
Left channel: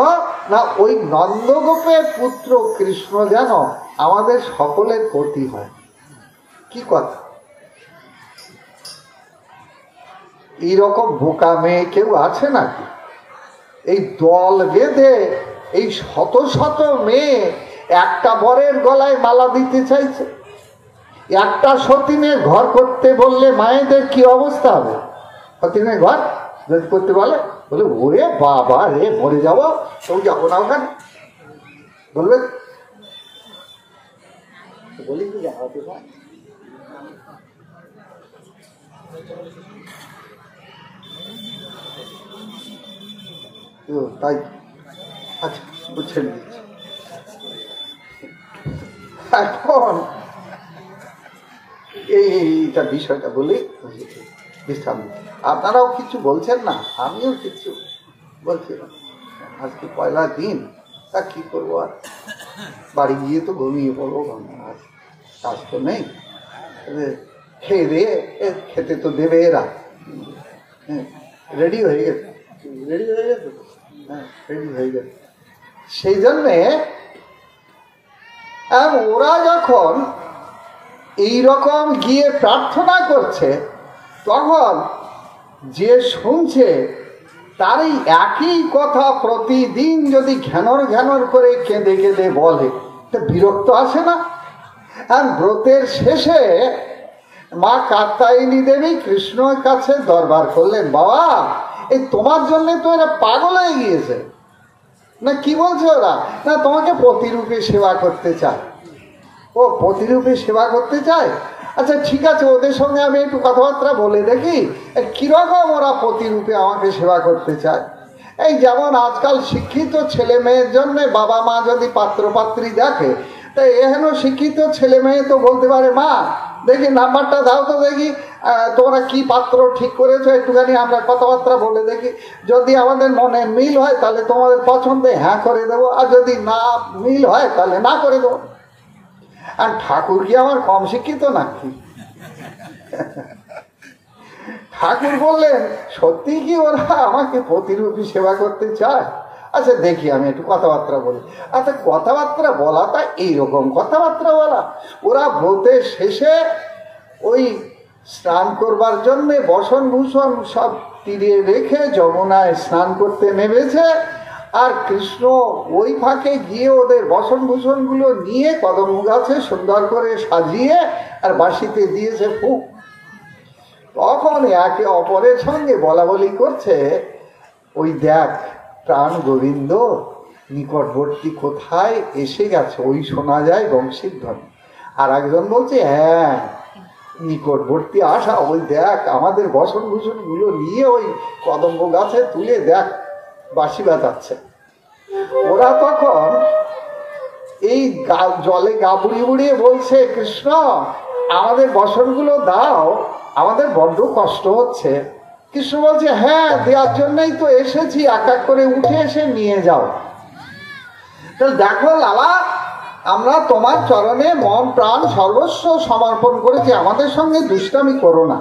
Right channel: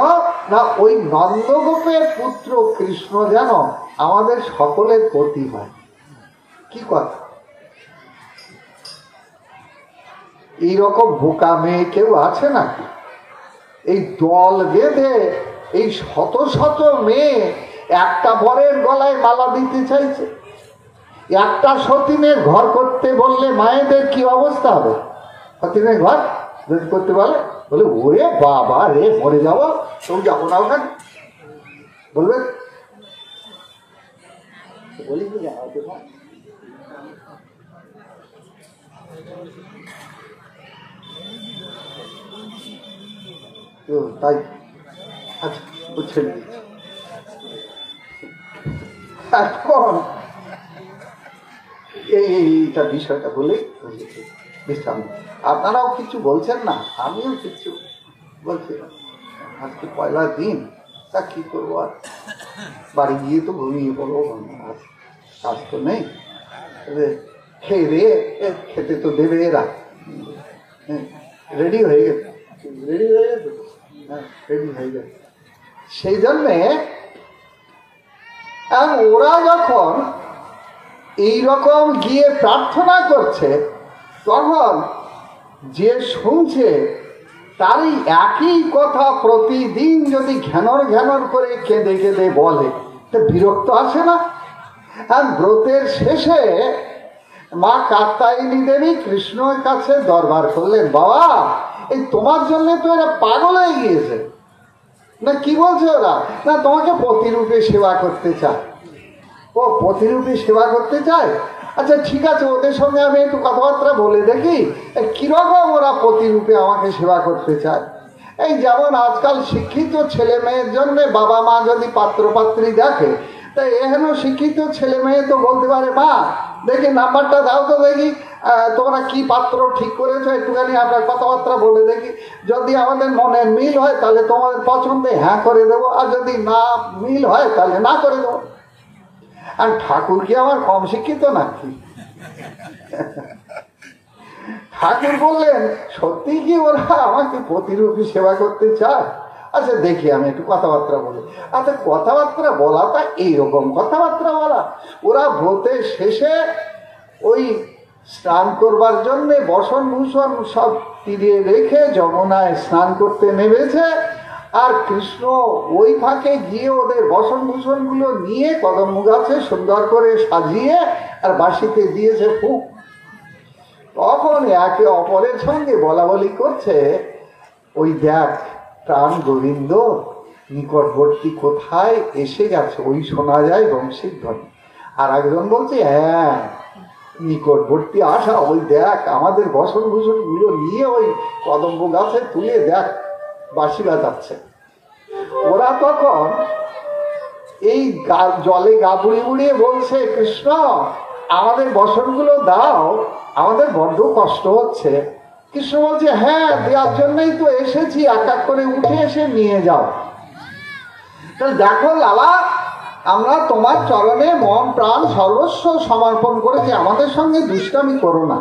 না, ওই নন্দগোপের পুত্র কৃষ্ণ যেন আমাদের সকলের প্রতি হয়। কি কথা! এইরকম বোকা মেয়ে কেউ আছে নাকি? এই দল বেঁধে এই শত শত মেয়ে একটা বরের গলায় মালা দিতে চাইছে। একটা সতীনের ঘর করতে বললে মায়েদের কি অবস্থা হবে? সতীনের ঘর যদি করতে বলে, বলে ওরে বাবা রে, মরে যাবো, তুমি যাবো না ওখানে, বলবে বলি কি যাওয়াতে পারে। তাই আচ্ছা বুঝে নিয়েছি। এখন এইটা বিষয়টা বলি, বিশ্রাম। আপনারাও কিছু বলছেন না, আমিও কিছু বলছি। আজকে পয়লা দিন, তা কি করবো, আর বাড়ি গিয়ে তো ঘুমিয়ে পড়বো, কাজ তো নেই। খেয়ে দিয়ে খেতে তো দেবে এরা। রেডি হয়ে গেছে, রেডি হয়ে গেছে, হ্যাঁ রেডি হয়ে গেছে। সেই জন্যে ওরা যখন এইরকম গিয়ে প্রার্থনা করছে, তখন যে শুনছে তারই একই কথা প্রতিদিন যদি ঘ্যানর ঘ্যানর করে কেঁদে কেঁদে বলে, তা বিরক্ত আসে না? আর ব্রতের শেষে মা কাত্যায়নী দেবী কৃষ্ণের কাছে দরবার করলেন, বাবা এই তোমার জন্য তো এরা পাগল হয়ে গিয়েছে। না কি বলছে ওরা? না তোমাকে প্রতিরূপে সেবা করতে চায়। ও প্রতিরূপে সেবা করতে চায়? আচ্ছা ঠিক আছে, ওদের সঙ্গে আমি একটু কথাবার্তা বলে দেখি কিরকম ওরা প্রতিরূপে আমাকে সেবা করতে চায়। এই যেমন আজকাল শিক্ষিত ছেলে মেয়ের জন্য বাবা মা যদি পাত্র পাত্রী দেখে, তাই এহেন শিক্ষিত ছেলে মেয়ে তো বলতে পারে, মা দেখি নাম্বারটা দাও তো দেখি, তোমরা কি পাত্র ঠিক করেছো, একটুখানি আপনার কথাবার্তা বলে দেখি, যদি আমাদের মনে মিল হয় তাহলে তোমাদের পছন্দে হ্যাঁ করে দেবো, আর যদি না মিল হয় তাহলে না করে দেবো। আর ঠাকুর কি আমার কম শিক্ষিত নাকি? ঠাকুর বললেন, সত্যি কি ওরা আমাকে প্রতিরূপী সেবা করতে চায়? আচ্ছা দেখি আমি একটু কথাবার্তা বলি। আচ্ছা কথাবার্তা বলাটা এইরকম কথাবার্তা বলা, ওরা ব্রতের শেষে ওই স্নান করবার জন্যে বসন ভূষণ সব তীরে রেখে যমুনায় স্নান করতে নেমেছে, আর কৃষ্ণ ওই ফাঁকে গিয়ে ওদের বসন ভূষণ গুলো নিয়ে কদম গাছে সুন্দর করে সাজিয়ে আর বাঁশিতে দিয়েছে ফুক। তখন একে অপরের সঙ্গে বলা বলি করছে, ওই দেখ প্রাণ গোবিন্দ নিকটবর্তী কোথায় এসে গেছে, ওই শোনা যায় বংশীর ধ্বনি। আর একজন বলছে, হ্যাঁ নিকটবর্তী আসা, ওই দেখ আমাদের বসন ভূষণ গুলো নিয়ে ওই কদম্ব গাছে তুলে দেখ বাঁশি বাজাচ্ছে। ওরা তখন এই জলে গা বুড়িয়ে বুড়িয়ে বলছে, কৃষ্ণ আমাদের বসনগুলো দাও, আমাদের বড্ড কষ্ট হচ্ছে। কৃষ্ণ বলছে, হ্যাঁ দেওয়ার জন্যই তো এসেছি, এক এক করে উঠে এসে নিয়ে যাও। দেখো লালা, আমরা তোমার চরণে মন প্রাণ সর্বস্ব সমর্পণ করেছি, আমাদের সঙ্গে দুষ্টামি করো না,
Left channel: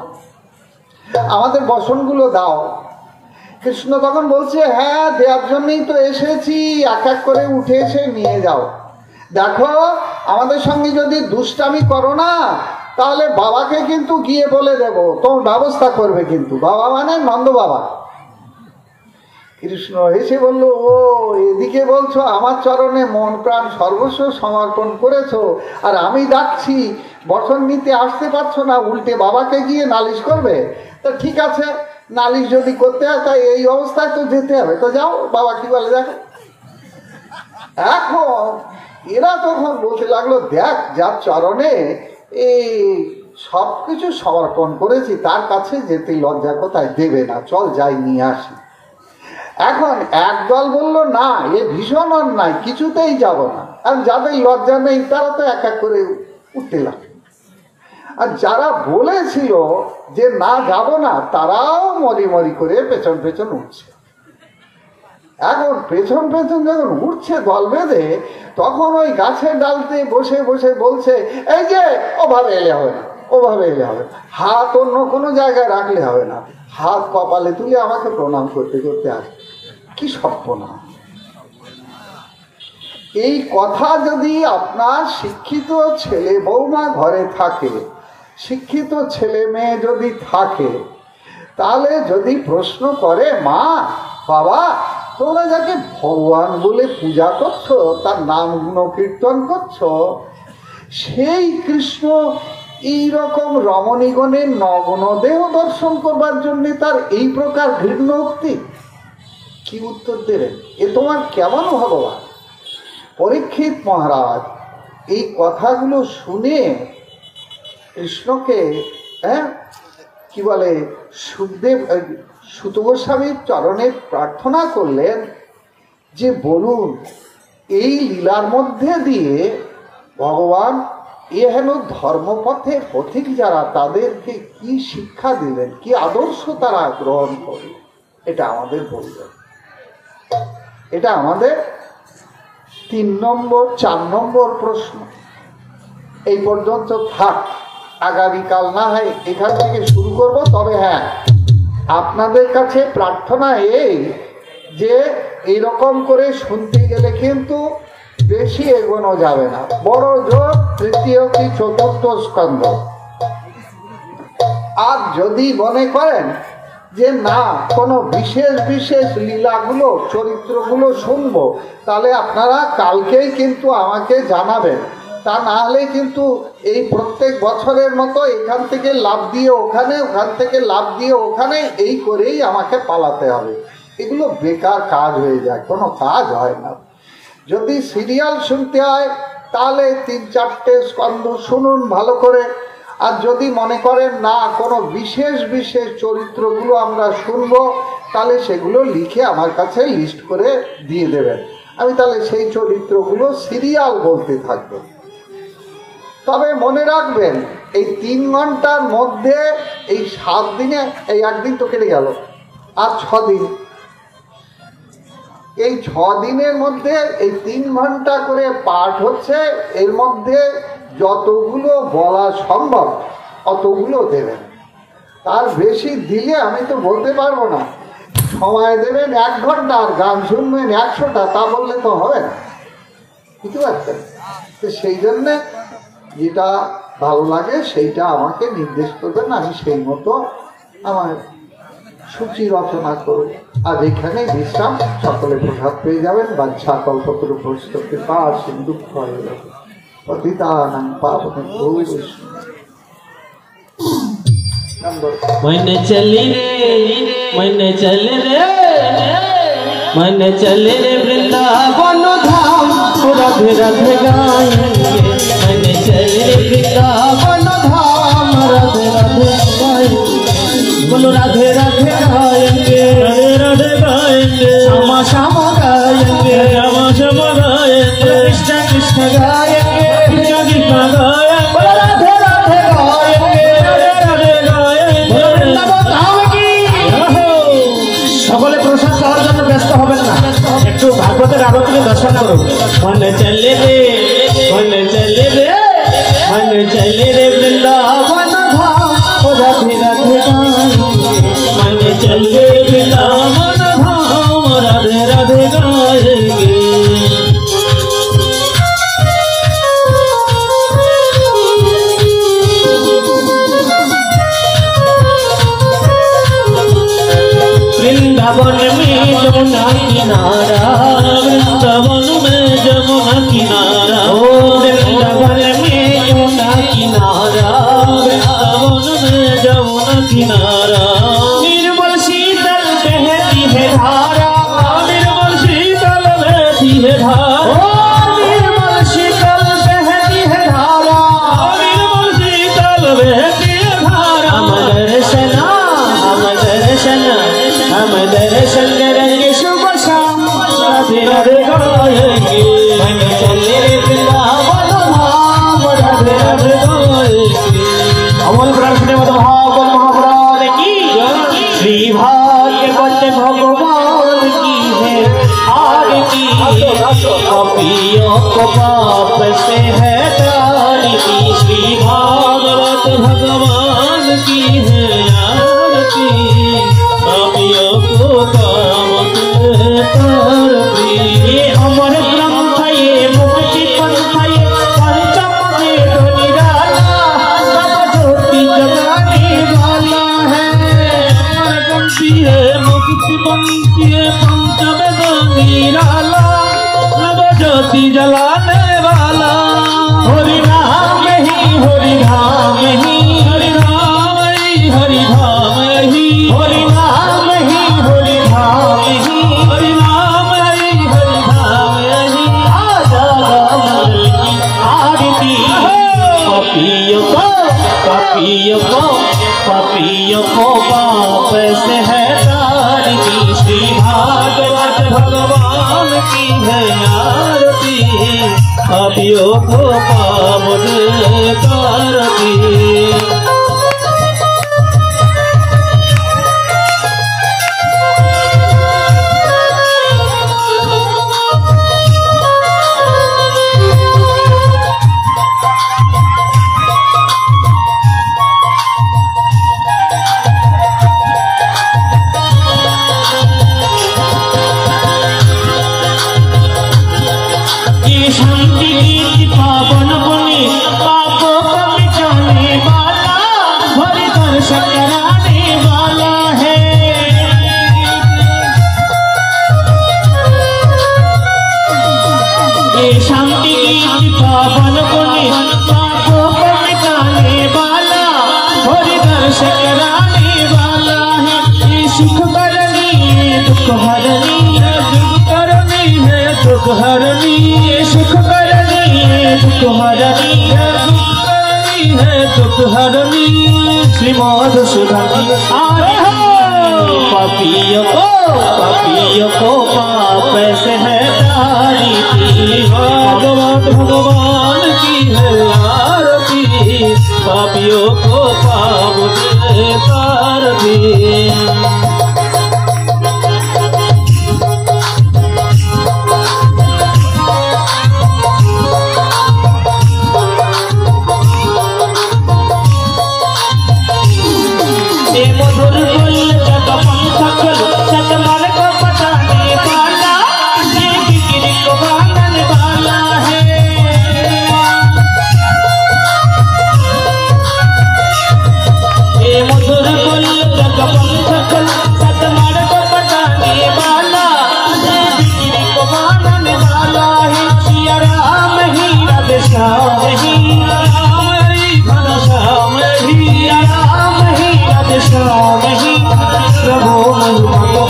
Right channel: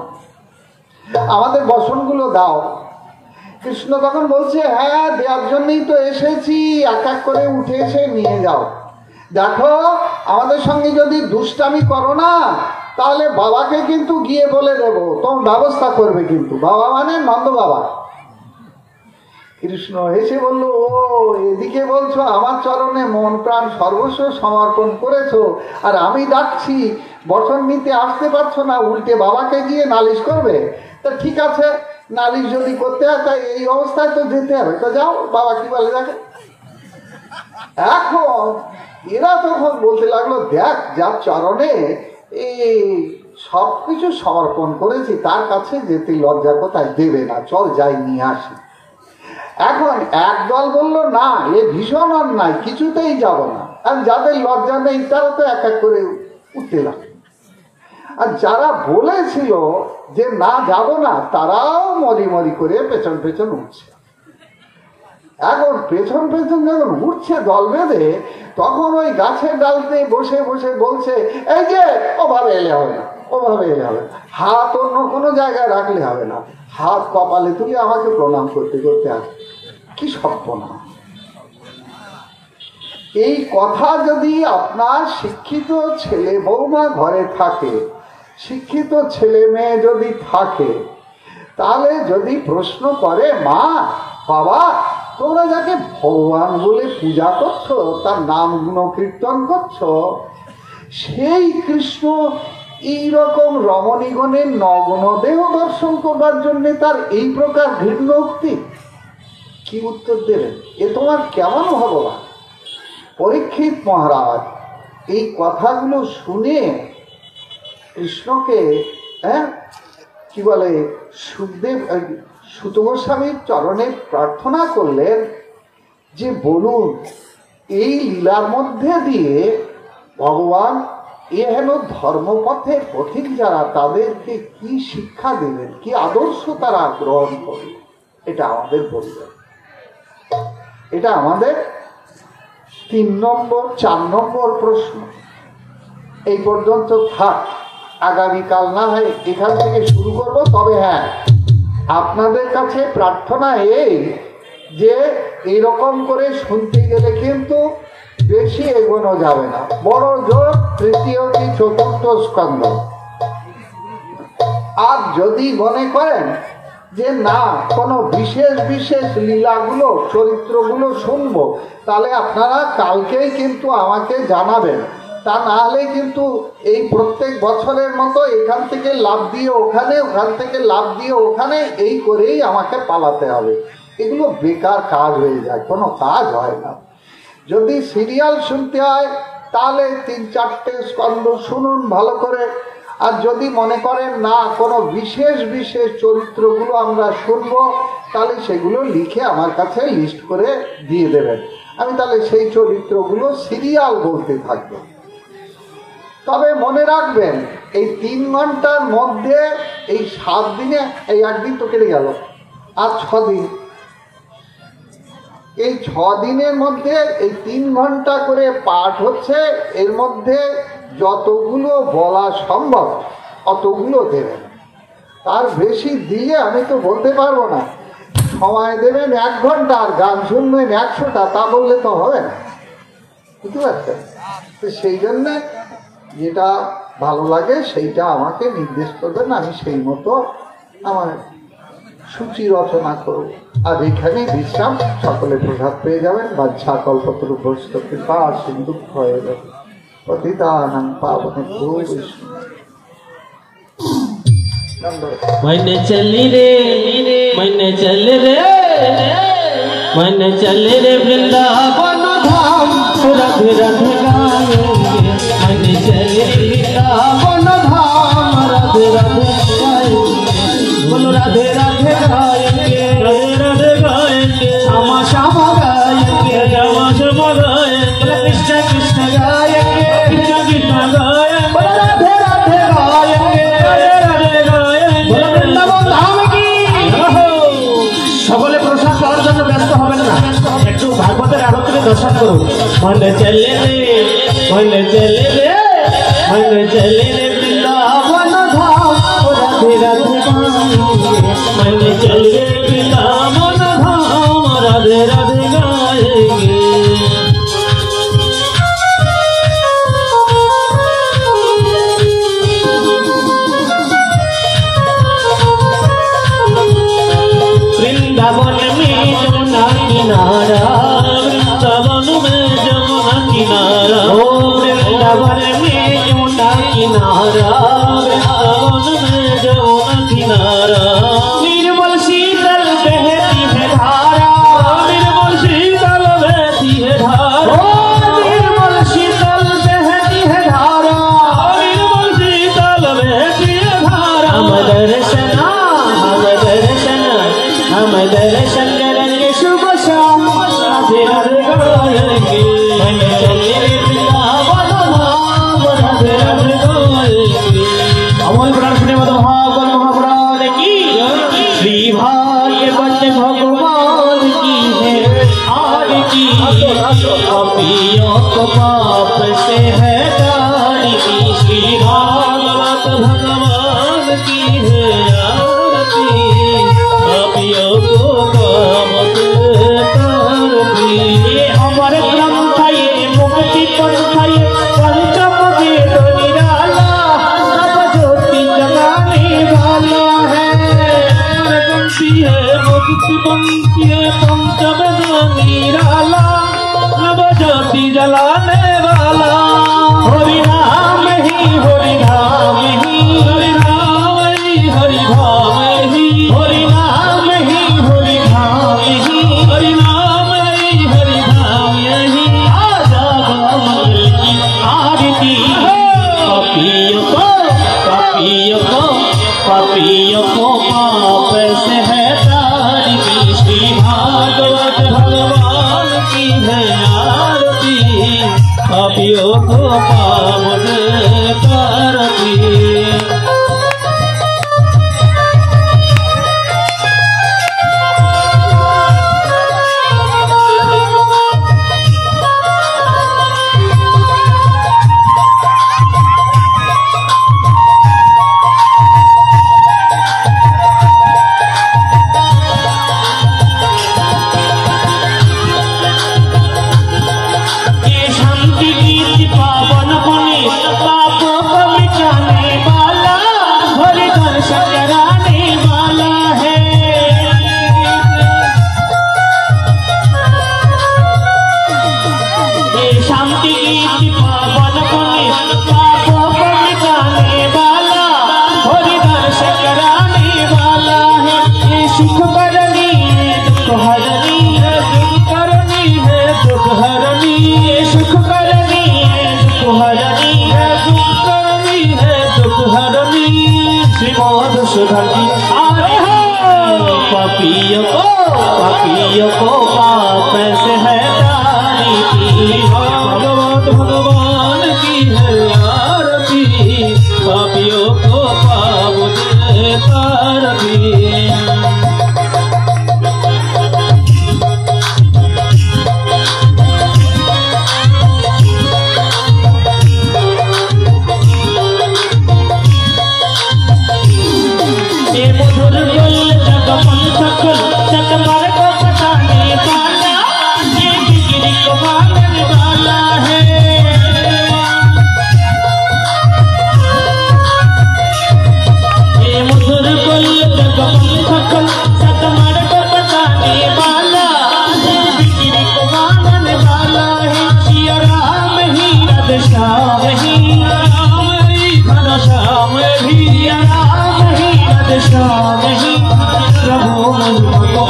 আমাদের বসনগুলো দাও। কৃষ্ণ তখন বলছে, হ্যাঁ দেওয়ার জন্যই তো এসেছি, এক এক করে উঠে এসে নিয়ে যাও। দেখো আমাদের সঙ্গে যদি দুষ্টামি করো না, তাহলে বাবাকে কিন্তু গিয়ে বলে দেব, তোমার ব্যবস্থা করবে কিন্তু। বাবা মানে নন্দ বাবা। কৃষ্ণ এসে বলল, ও এদিকে বলছো আমার চরণে মন প্রাণ সর্বস্ব সমর্পণ করেছো, আর আমি ডাকছি বচন নিতে আসতে পারছো না, উল্টে বাবাকে গিয়ে নালিশ করবে? তা ঠিক আছে, নালিশ যদি করতে হয় তাই এই অবস্থায় তো যেতে হবে, তো যাও, বাবা কি বলে দেখো। এখন এরা তখন বলতে লাগলো, দেখ যার চরণে এই সবকিছু সমর্পণ করেছি তার কাছে যেতে লজ্জা কোথায়, দেবে না, চল যাই নিয়ে আসি। এখন একদল বলল, না এ ভীষণ অন্যায়, কিছুতেই যাব না। আর যাদের লজ্জা নেই তারা তো এক এক করে উঠতে লাগলো। আর যারা বলেছিল যে না যাব না, তারাও মরি মরি করে পেছন পেছন উঠছে। এখন পেছন পেছন যখন উঠছে দল বেঁধে, তখন ওই গাছের ডালতে বসে বসে বলছে, এই যে ওভাবে এলে হবে না, ওভাবে এলে হবে না, হাত অন্য কোনো জায়গায় রাখলে হবে না, হাত কপালে তুলে আমাকে প্রণাম করতে করতে আসে। কি সপ্পনা! এই কথা যদি আপনার শিক্ষিত ছেলে বৌমা ঘরে থাকে, শিক্ষিত ছেলে মেয়ে যদি থাকে, তাহলে যদি প্রশ্ন করে, মা বাবা তোমরা যাকে ভগবান বলে পূজা করছো, তার নাম গুণ কীর্তন করছো, সেই কৃষ্ণ এইরকম রমণীগণের নগ্ন দেহ দর্শন করবার জন্য তার এই প্রকার ঘৃণ্য উক্তি, কি উত্তর দেবেন? এ তোমার কেমন ভগবান? পরীক্ষিত মহারাজ এই কথাগুলো শুনে কৃষ্ণকে কি বলে সুখদেব সুত গোস্বামীর চরণে প্রার্থনা করলেন যে বলুন এই লীলার মধ্যে দিয়ে ভগবান এহেন ধর্মপথের পথিক যারা, তাদেরকে কি শিক্ষা দিলেন, কি আদর্শ তারা গ্রহণ করলেন, এটা আমাদের বলবেন। এটা আমাদের 3 নম্বর 4 নম্বর প্রশ্ন। এই পর্যন্ত থাক, আগামীকাল না হয় এখান থেকে শুরু করব। তবে হ্যাঁ, আপনাদের কাছে প্রার্থনা এই যে এইরকম করে শুনতে গেলে কিন্তু বেশি এগোনো যাবে না, বড় জোর তৃতীয় কি চতুর্থ স্কন্ধ। আর যদি মনে করেন যে না কোনো বিশেষ বিশেষ লীলাগুলো চরিত্রগুলো শুনবো, তাহলে আপনারা কালকেই কিন্তু আমাকে জানাবেন তা না হলে কিন্তু এই প্রত্যেক বছরের মতো এখান থেকে লাভ দিয়ে ওখানে, ওখান থেকে লাভ দিয়ে ওখানে, এই করেই আমাকে পালাতে হবে। এগুলো বেকার কাজ হয়ে যায়, কোনো কাজ হয় না। যদি সিরিয়াল শুনতে হয় তাহলে 3-4টে স্কন্ধ শুনুন ভালো করে। আর যদি মনে করেন না কোনো বিশেষ বিশেষ চরিত্রগুলো আমরা শুনবো, তাহলে সেগুলো লিখে আমার কাছে লিস্ট করে দিয়ে দেবেন। আমি তাহলে সেই চরিত্রগুলো সিরিয়াল বলতে থাকবো। তবে মনে রাখবেন, এই 3 ঘন্টার মধ্যে এই 7 দিনে, এই 1 দিন তো কেটে গেল, আর 6 দিন, এই 6 দিনের মধ্যে এই 3 ঘন্টা করে পাঠ হচ্ছে। এর মধ্যে যতগুলো বলা সম্ভব অতগুলো দেবেন, তার বেশি দিলে আমি তো বলতে পারবো না। সময় দেবেন 1 ঘন্টা আর গান শুনবেন 100টা, তা বললে তো হবে না, বুঝতে পারছেন? তো সেই জন্যে যেটা ভালো লাগে সেইটা আমাকে নির্দেশ করবেন, আমি সেই মতো আমার সূচি রচনা করব। আর এখানে বিশ্রাম, সকলে প্রসাদ পেয়ে যাবেন। বাচ্চা কল্পতরু ভস্ত কৃপা সিন্ধু হয়ে যাবে পতিতানাং পাবনেভ্যো मन चली रे, मन चल रे, मन चल रे वृंदावन धाम, राधे राधे गाएंगे। मन चल रे वृंदावन धाम, राधे राधे गाएंगे। बोलो राधे राधे गाएंगे, राधे राधे गाएंगे, श्यामा श्यामा गाएंगे, श्यामा श्यामा गाएंगे, कृष्ण कृष्ण गाएंगे, कृष्ण कृष्ण गाएंगे, राधे राधे गाएंगे, राधे राधे गाएंगे। वृंदावन धाम की সকলে প্রসাদ পাওয়ার জন্য ব্যস্ত হবেন না, একটু ভাগবতের আরতিকে দর্শন করুন। मन चले रे, मन चले रे, मन चले रे वृंदावन धाम, राधे राधे गाएंगे। मन चले वृंदावन धाम, राधे राधे गाएंगे। वृंदावन में जमुना किनारा, वृंदावन में जमुना किनारा, ओ वृंदावन में जमुना किनारा, वृंदावन में जमुना किनारा। निर्मल शीतल बहती है धारा, निर्मल शीतल बहती है धारा, ओ निर्मल शीतल बहती है धारा, निर्मल शीतल बहती है धारा। हम दर्शन, हम दर्शन, हम दर्शन करेंगे शुभ शाम, राधे राधे गाएंगे। मन चले रे वृंदावन धाम, राधे राधे गाएंगे। अमल प्रार्थने भागवत महापुराण की श्री भागवत भगवान की है आरती। पापियों को पाप से है तारती, श्री भागवत भगवान की है आरती। पापियों को पाप से तारती, ये अमर ग्रंथ, ये मुक्ति पंथ, ये पंचम वेद निराला, सब ज्योति जगाने वाला है। अमर ग्रंथ है, मुक्ति पंथ, ये पंचम वेद निराला, सब ज्योति जलाने वाला। हरि नाम ही, हरि नाम ही, हरि नाम ही, हरि धाम ही, हरि नाम ही, हरि धाम ही, हरि नाम ही, हरि धाम ही। आजा कमल की आरती, पापियों को, पापियों को, पापियों को पाप से है तारती, श्री भागवत भगवान की है आरती। पापियों को पाप से तारती। शांति गीत पावन बने, पापों को मिटाने वाला, हरनी है दुख करनी है दुख हरनी सुख करनी है दुख हरनी है दुख करनी है दुख हरनी श्रीमद सुधानी आरे हो पापियों को पाप से है तारी भगवान भगवान की है आरती पापियों को पाप से तारती भगवान की है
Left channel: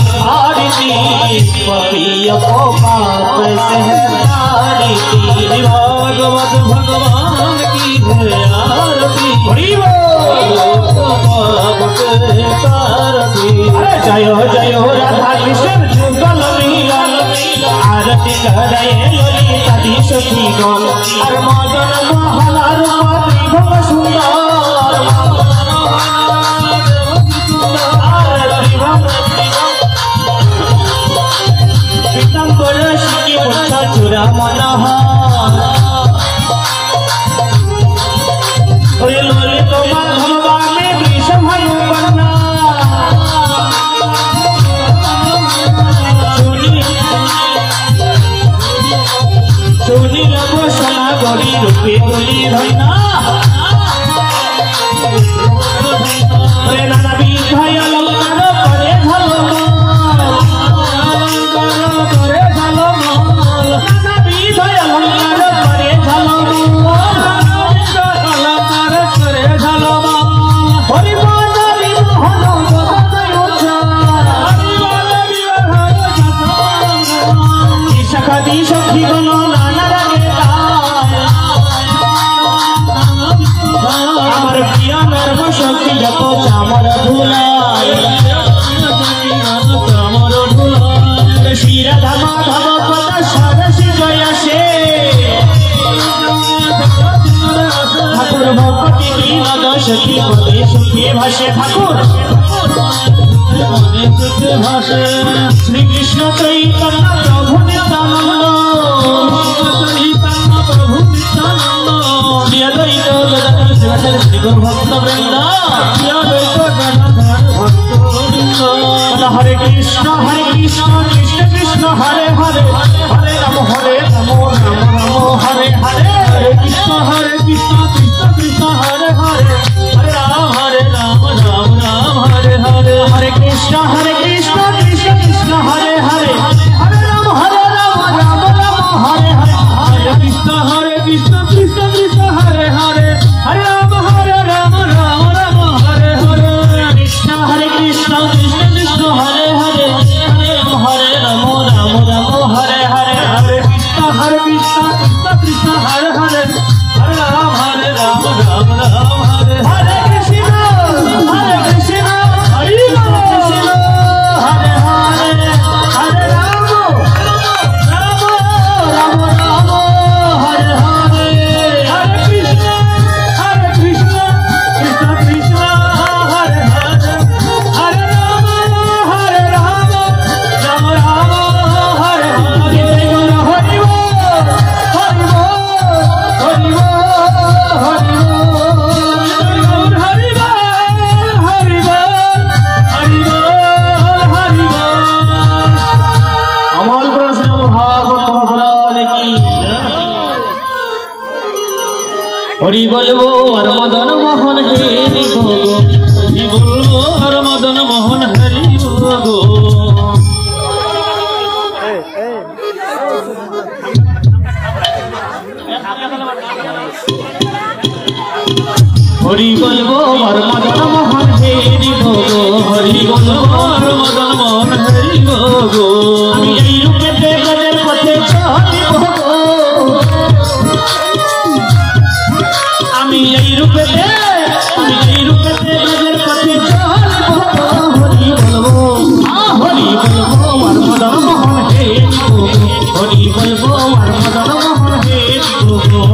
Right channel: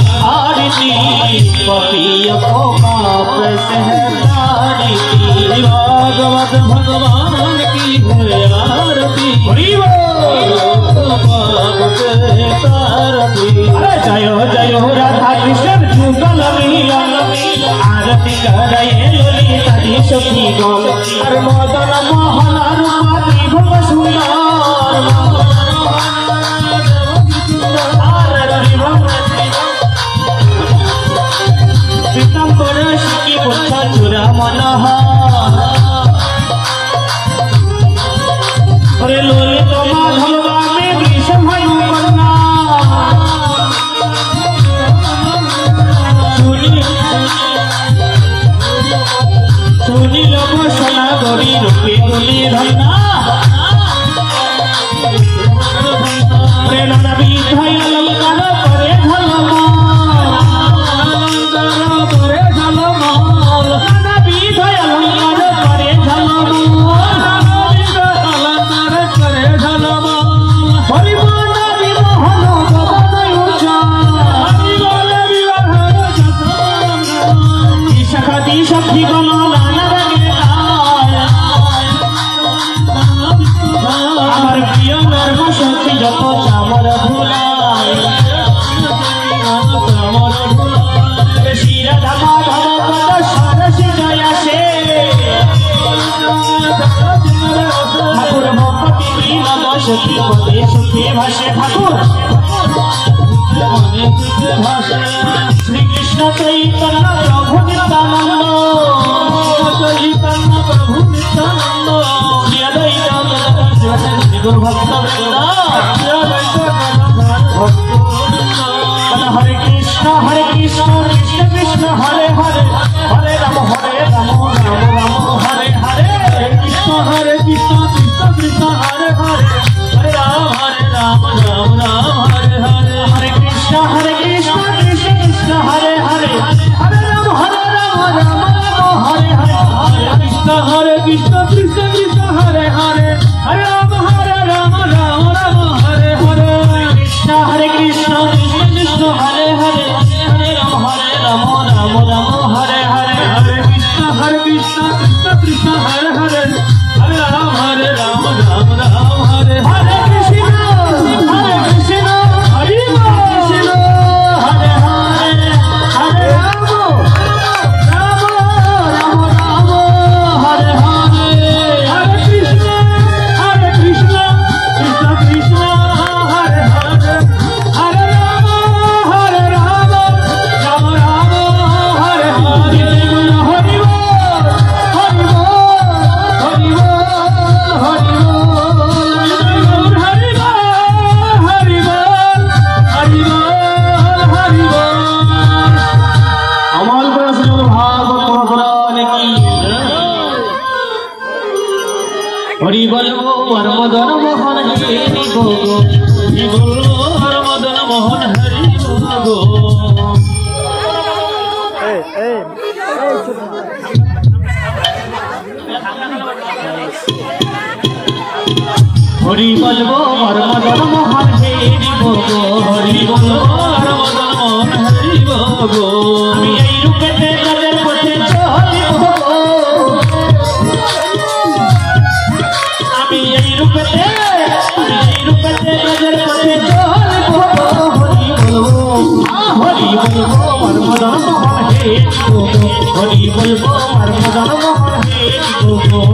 आरती जय जय राधा कृष्ण जुगल आरती करे ललिता दी सखी गण और मदन मोहन रूप सुंदर चुरा मनोहर ललित माधवा में विषभनु करना सुनी लगो सोना गरी रूपे गुली धन्ना प्रेरणा विधय अलंकार करे श्री कृष्ण चैतन्य प्रभु नित्यानंद श्री गुरु भक्त हरे कृष्ण कृष्ण कृष्ण हरे हरे हरे राम राम राम हरे हरे हरे कृष्ण कृष्ण कृष्ण हरे हरे हरे राम राम राम हरे हरे हरे कृष्ण कृष्ण कृष्ण हरे हरे हरे राम राम हरे हरे हरे कृष्ण कृष्ण कृष्ण हरे हरे हरे राम राम हरे हरे कृष्ण कृष्ण कृष्ण हरे हरे हरे राम राम हरे हरे हरे कृष्ण कृष्ण कृष्ण हरे हरे हरे राम राम हरे हरे कृष्ण हरे कृष्ण हरे हरे हरे राम राम हरे हरे हरे कृष्ण कृष्ण कृष्ण हरे हरे हरे राम राम हरे हरे हरि बोलो हर मदन मोहन हरि बोलो हरि बोलो हर मदन मोहन हरि बोलो हरि बोलो हर मदन मोहन हरि बोलो हरि बोलो हर मदन मोहन हरि बोलो গো আমি এই রূপে ব্রজের পথে চলিব গো আমি এই রূপে ব্রজের পথে চলিব গো হরি বলবো আর মদন মোহন হে গো হরি বলবো আর মদন মোহন হে গো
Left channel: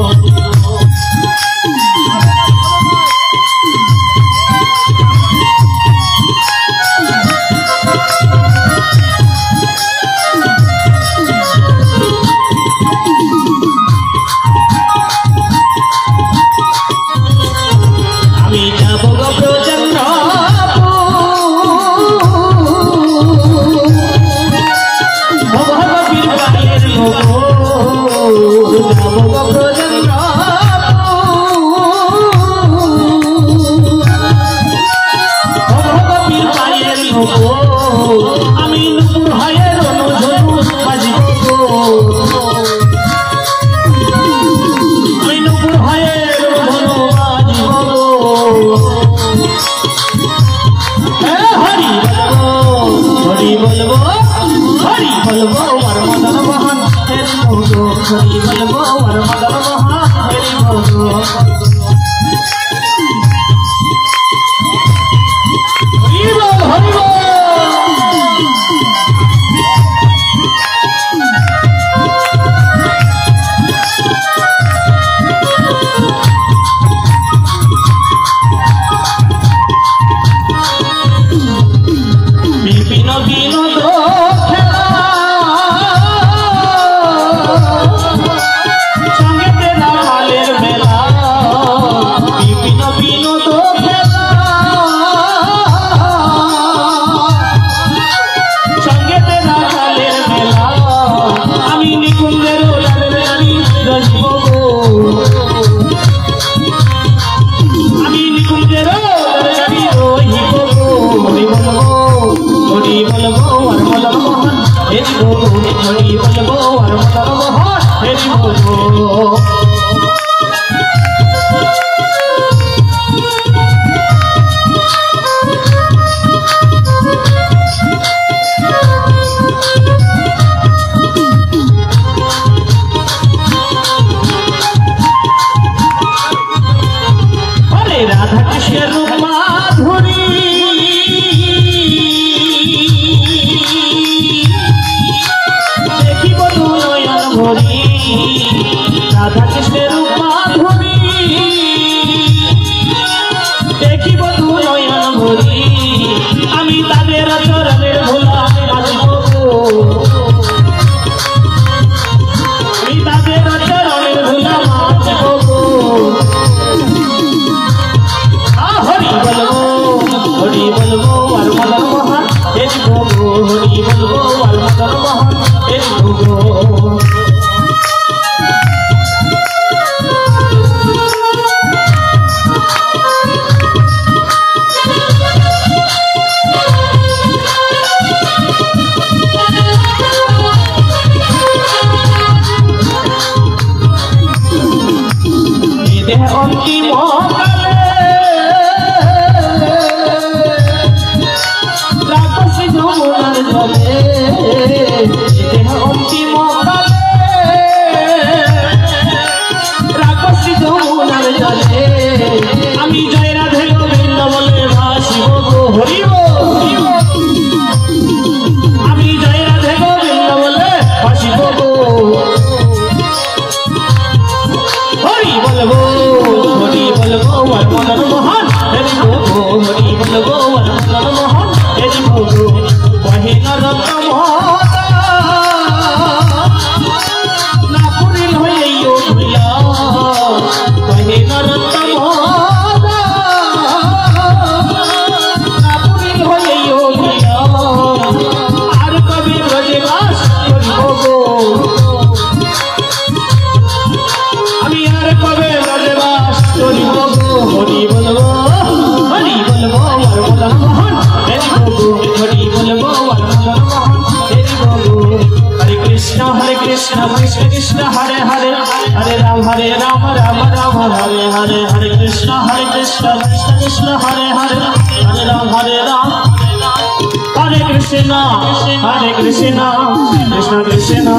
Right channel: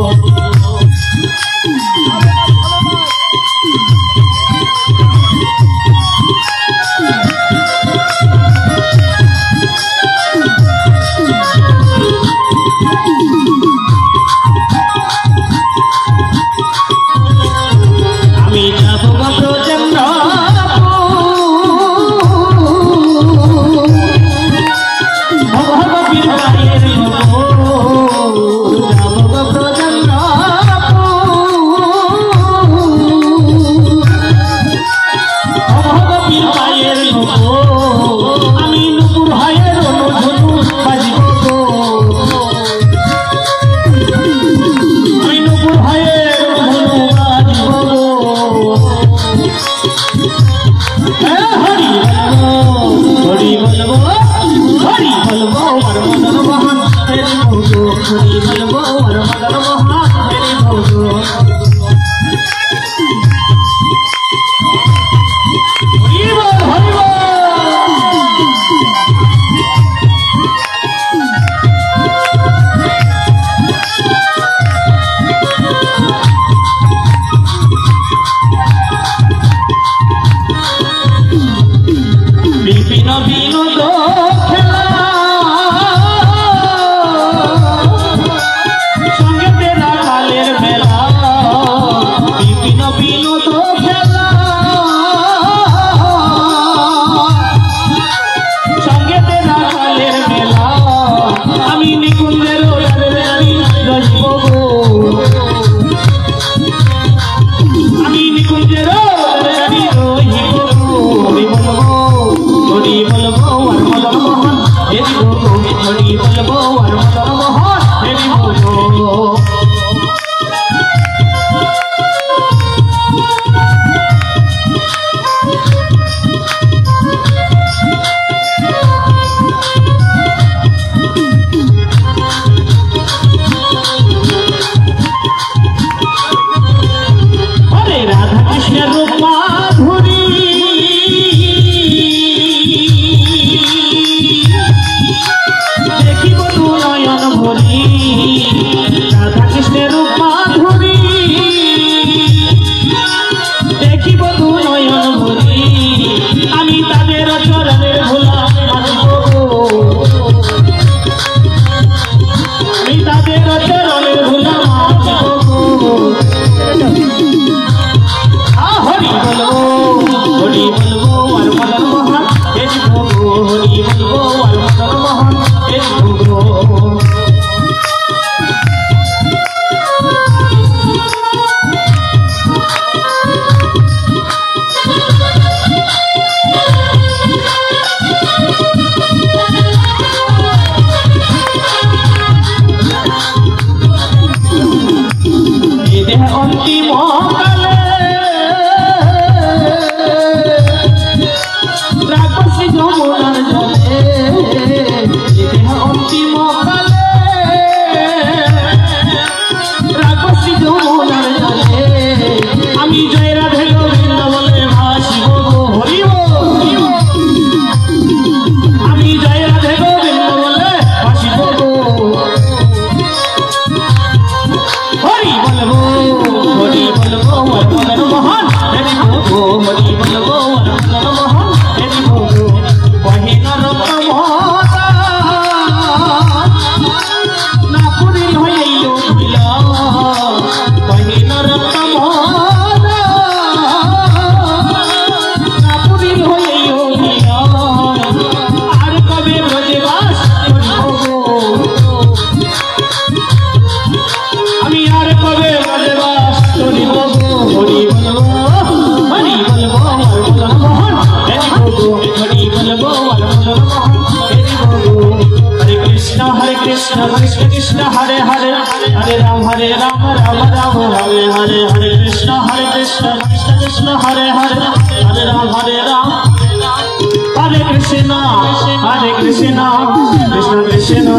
Krishna Hare Krishna, Krishna Krishna,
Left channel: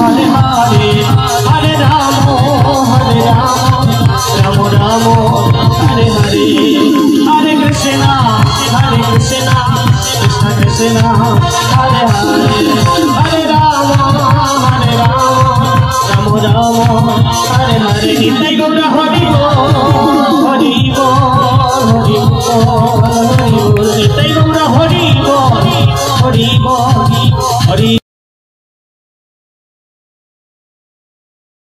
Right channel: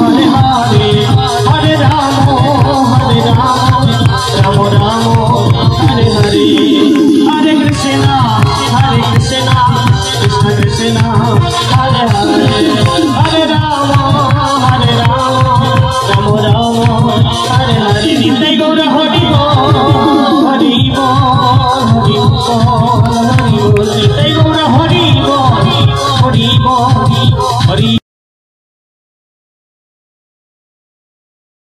Hare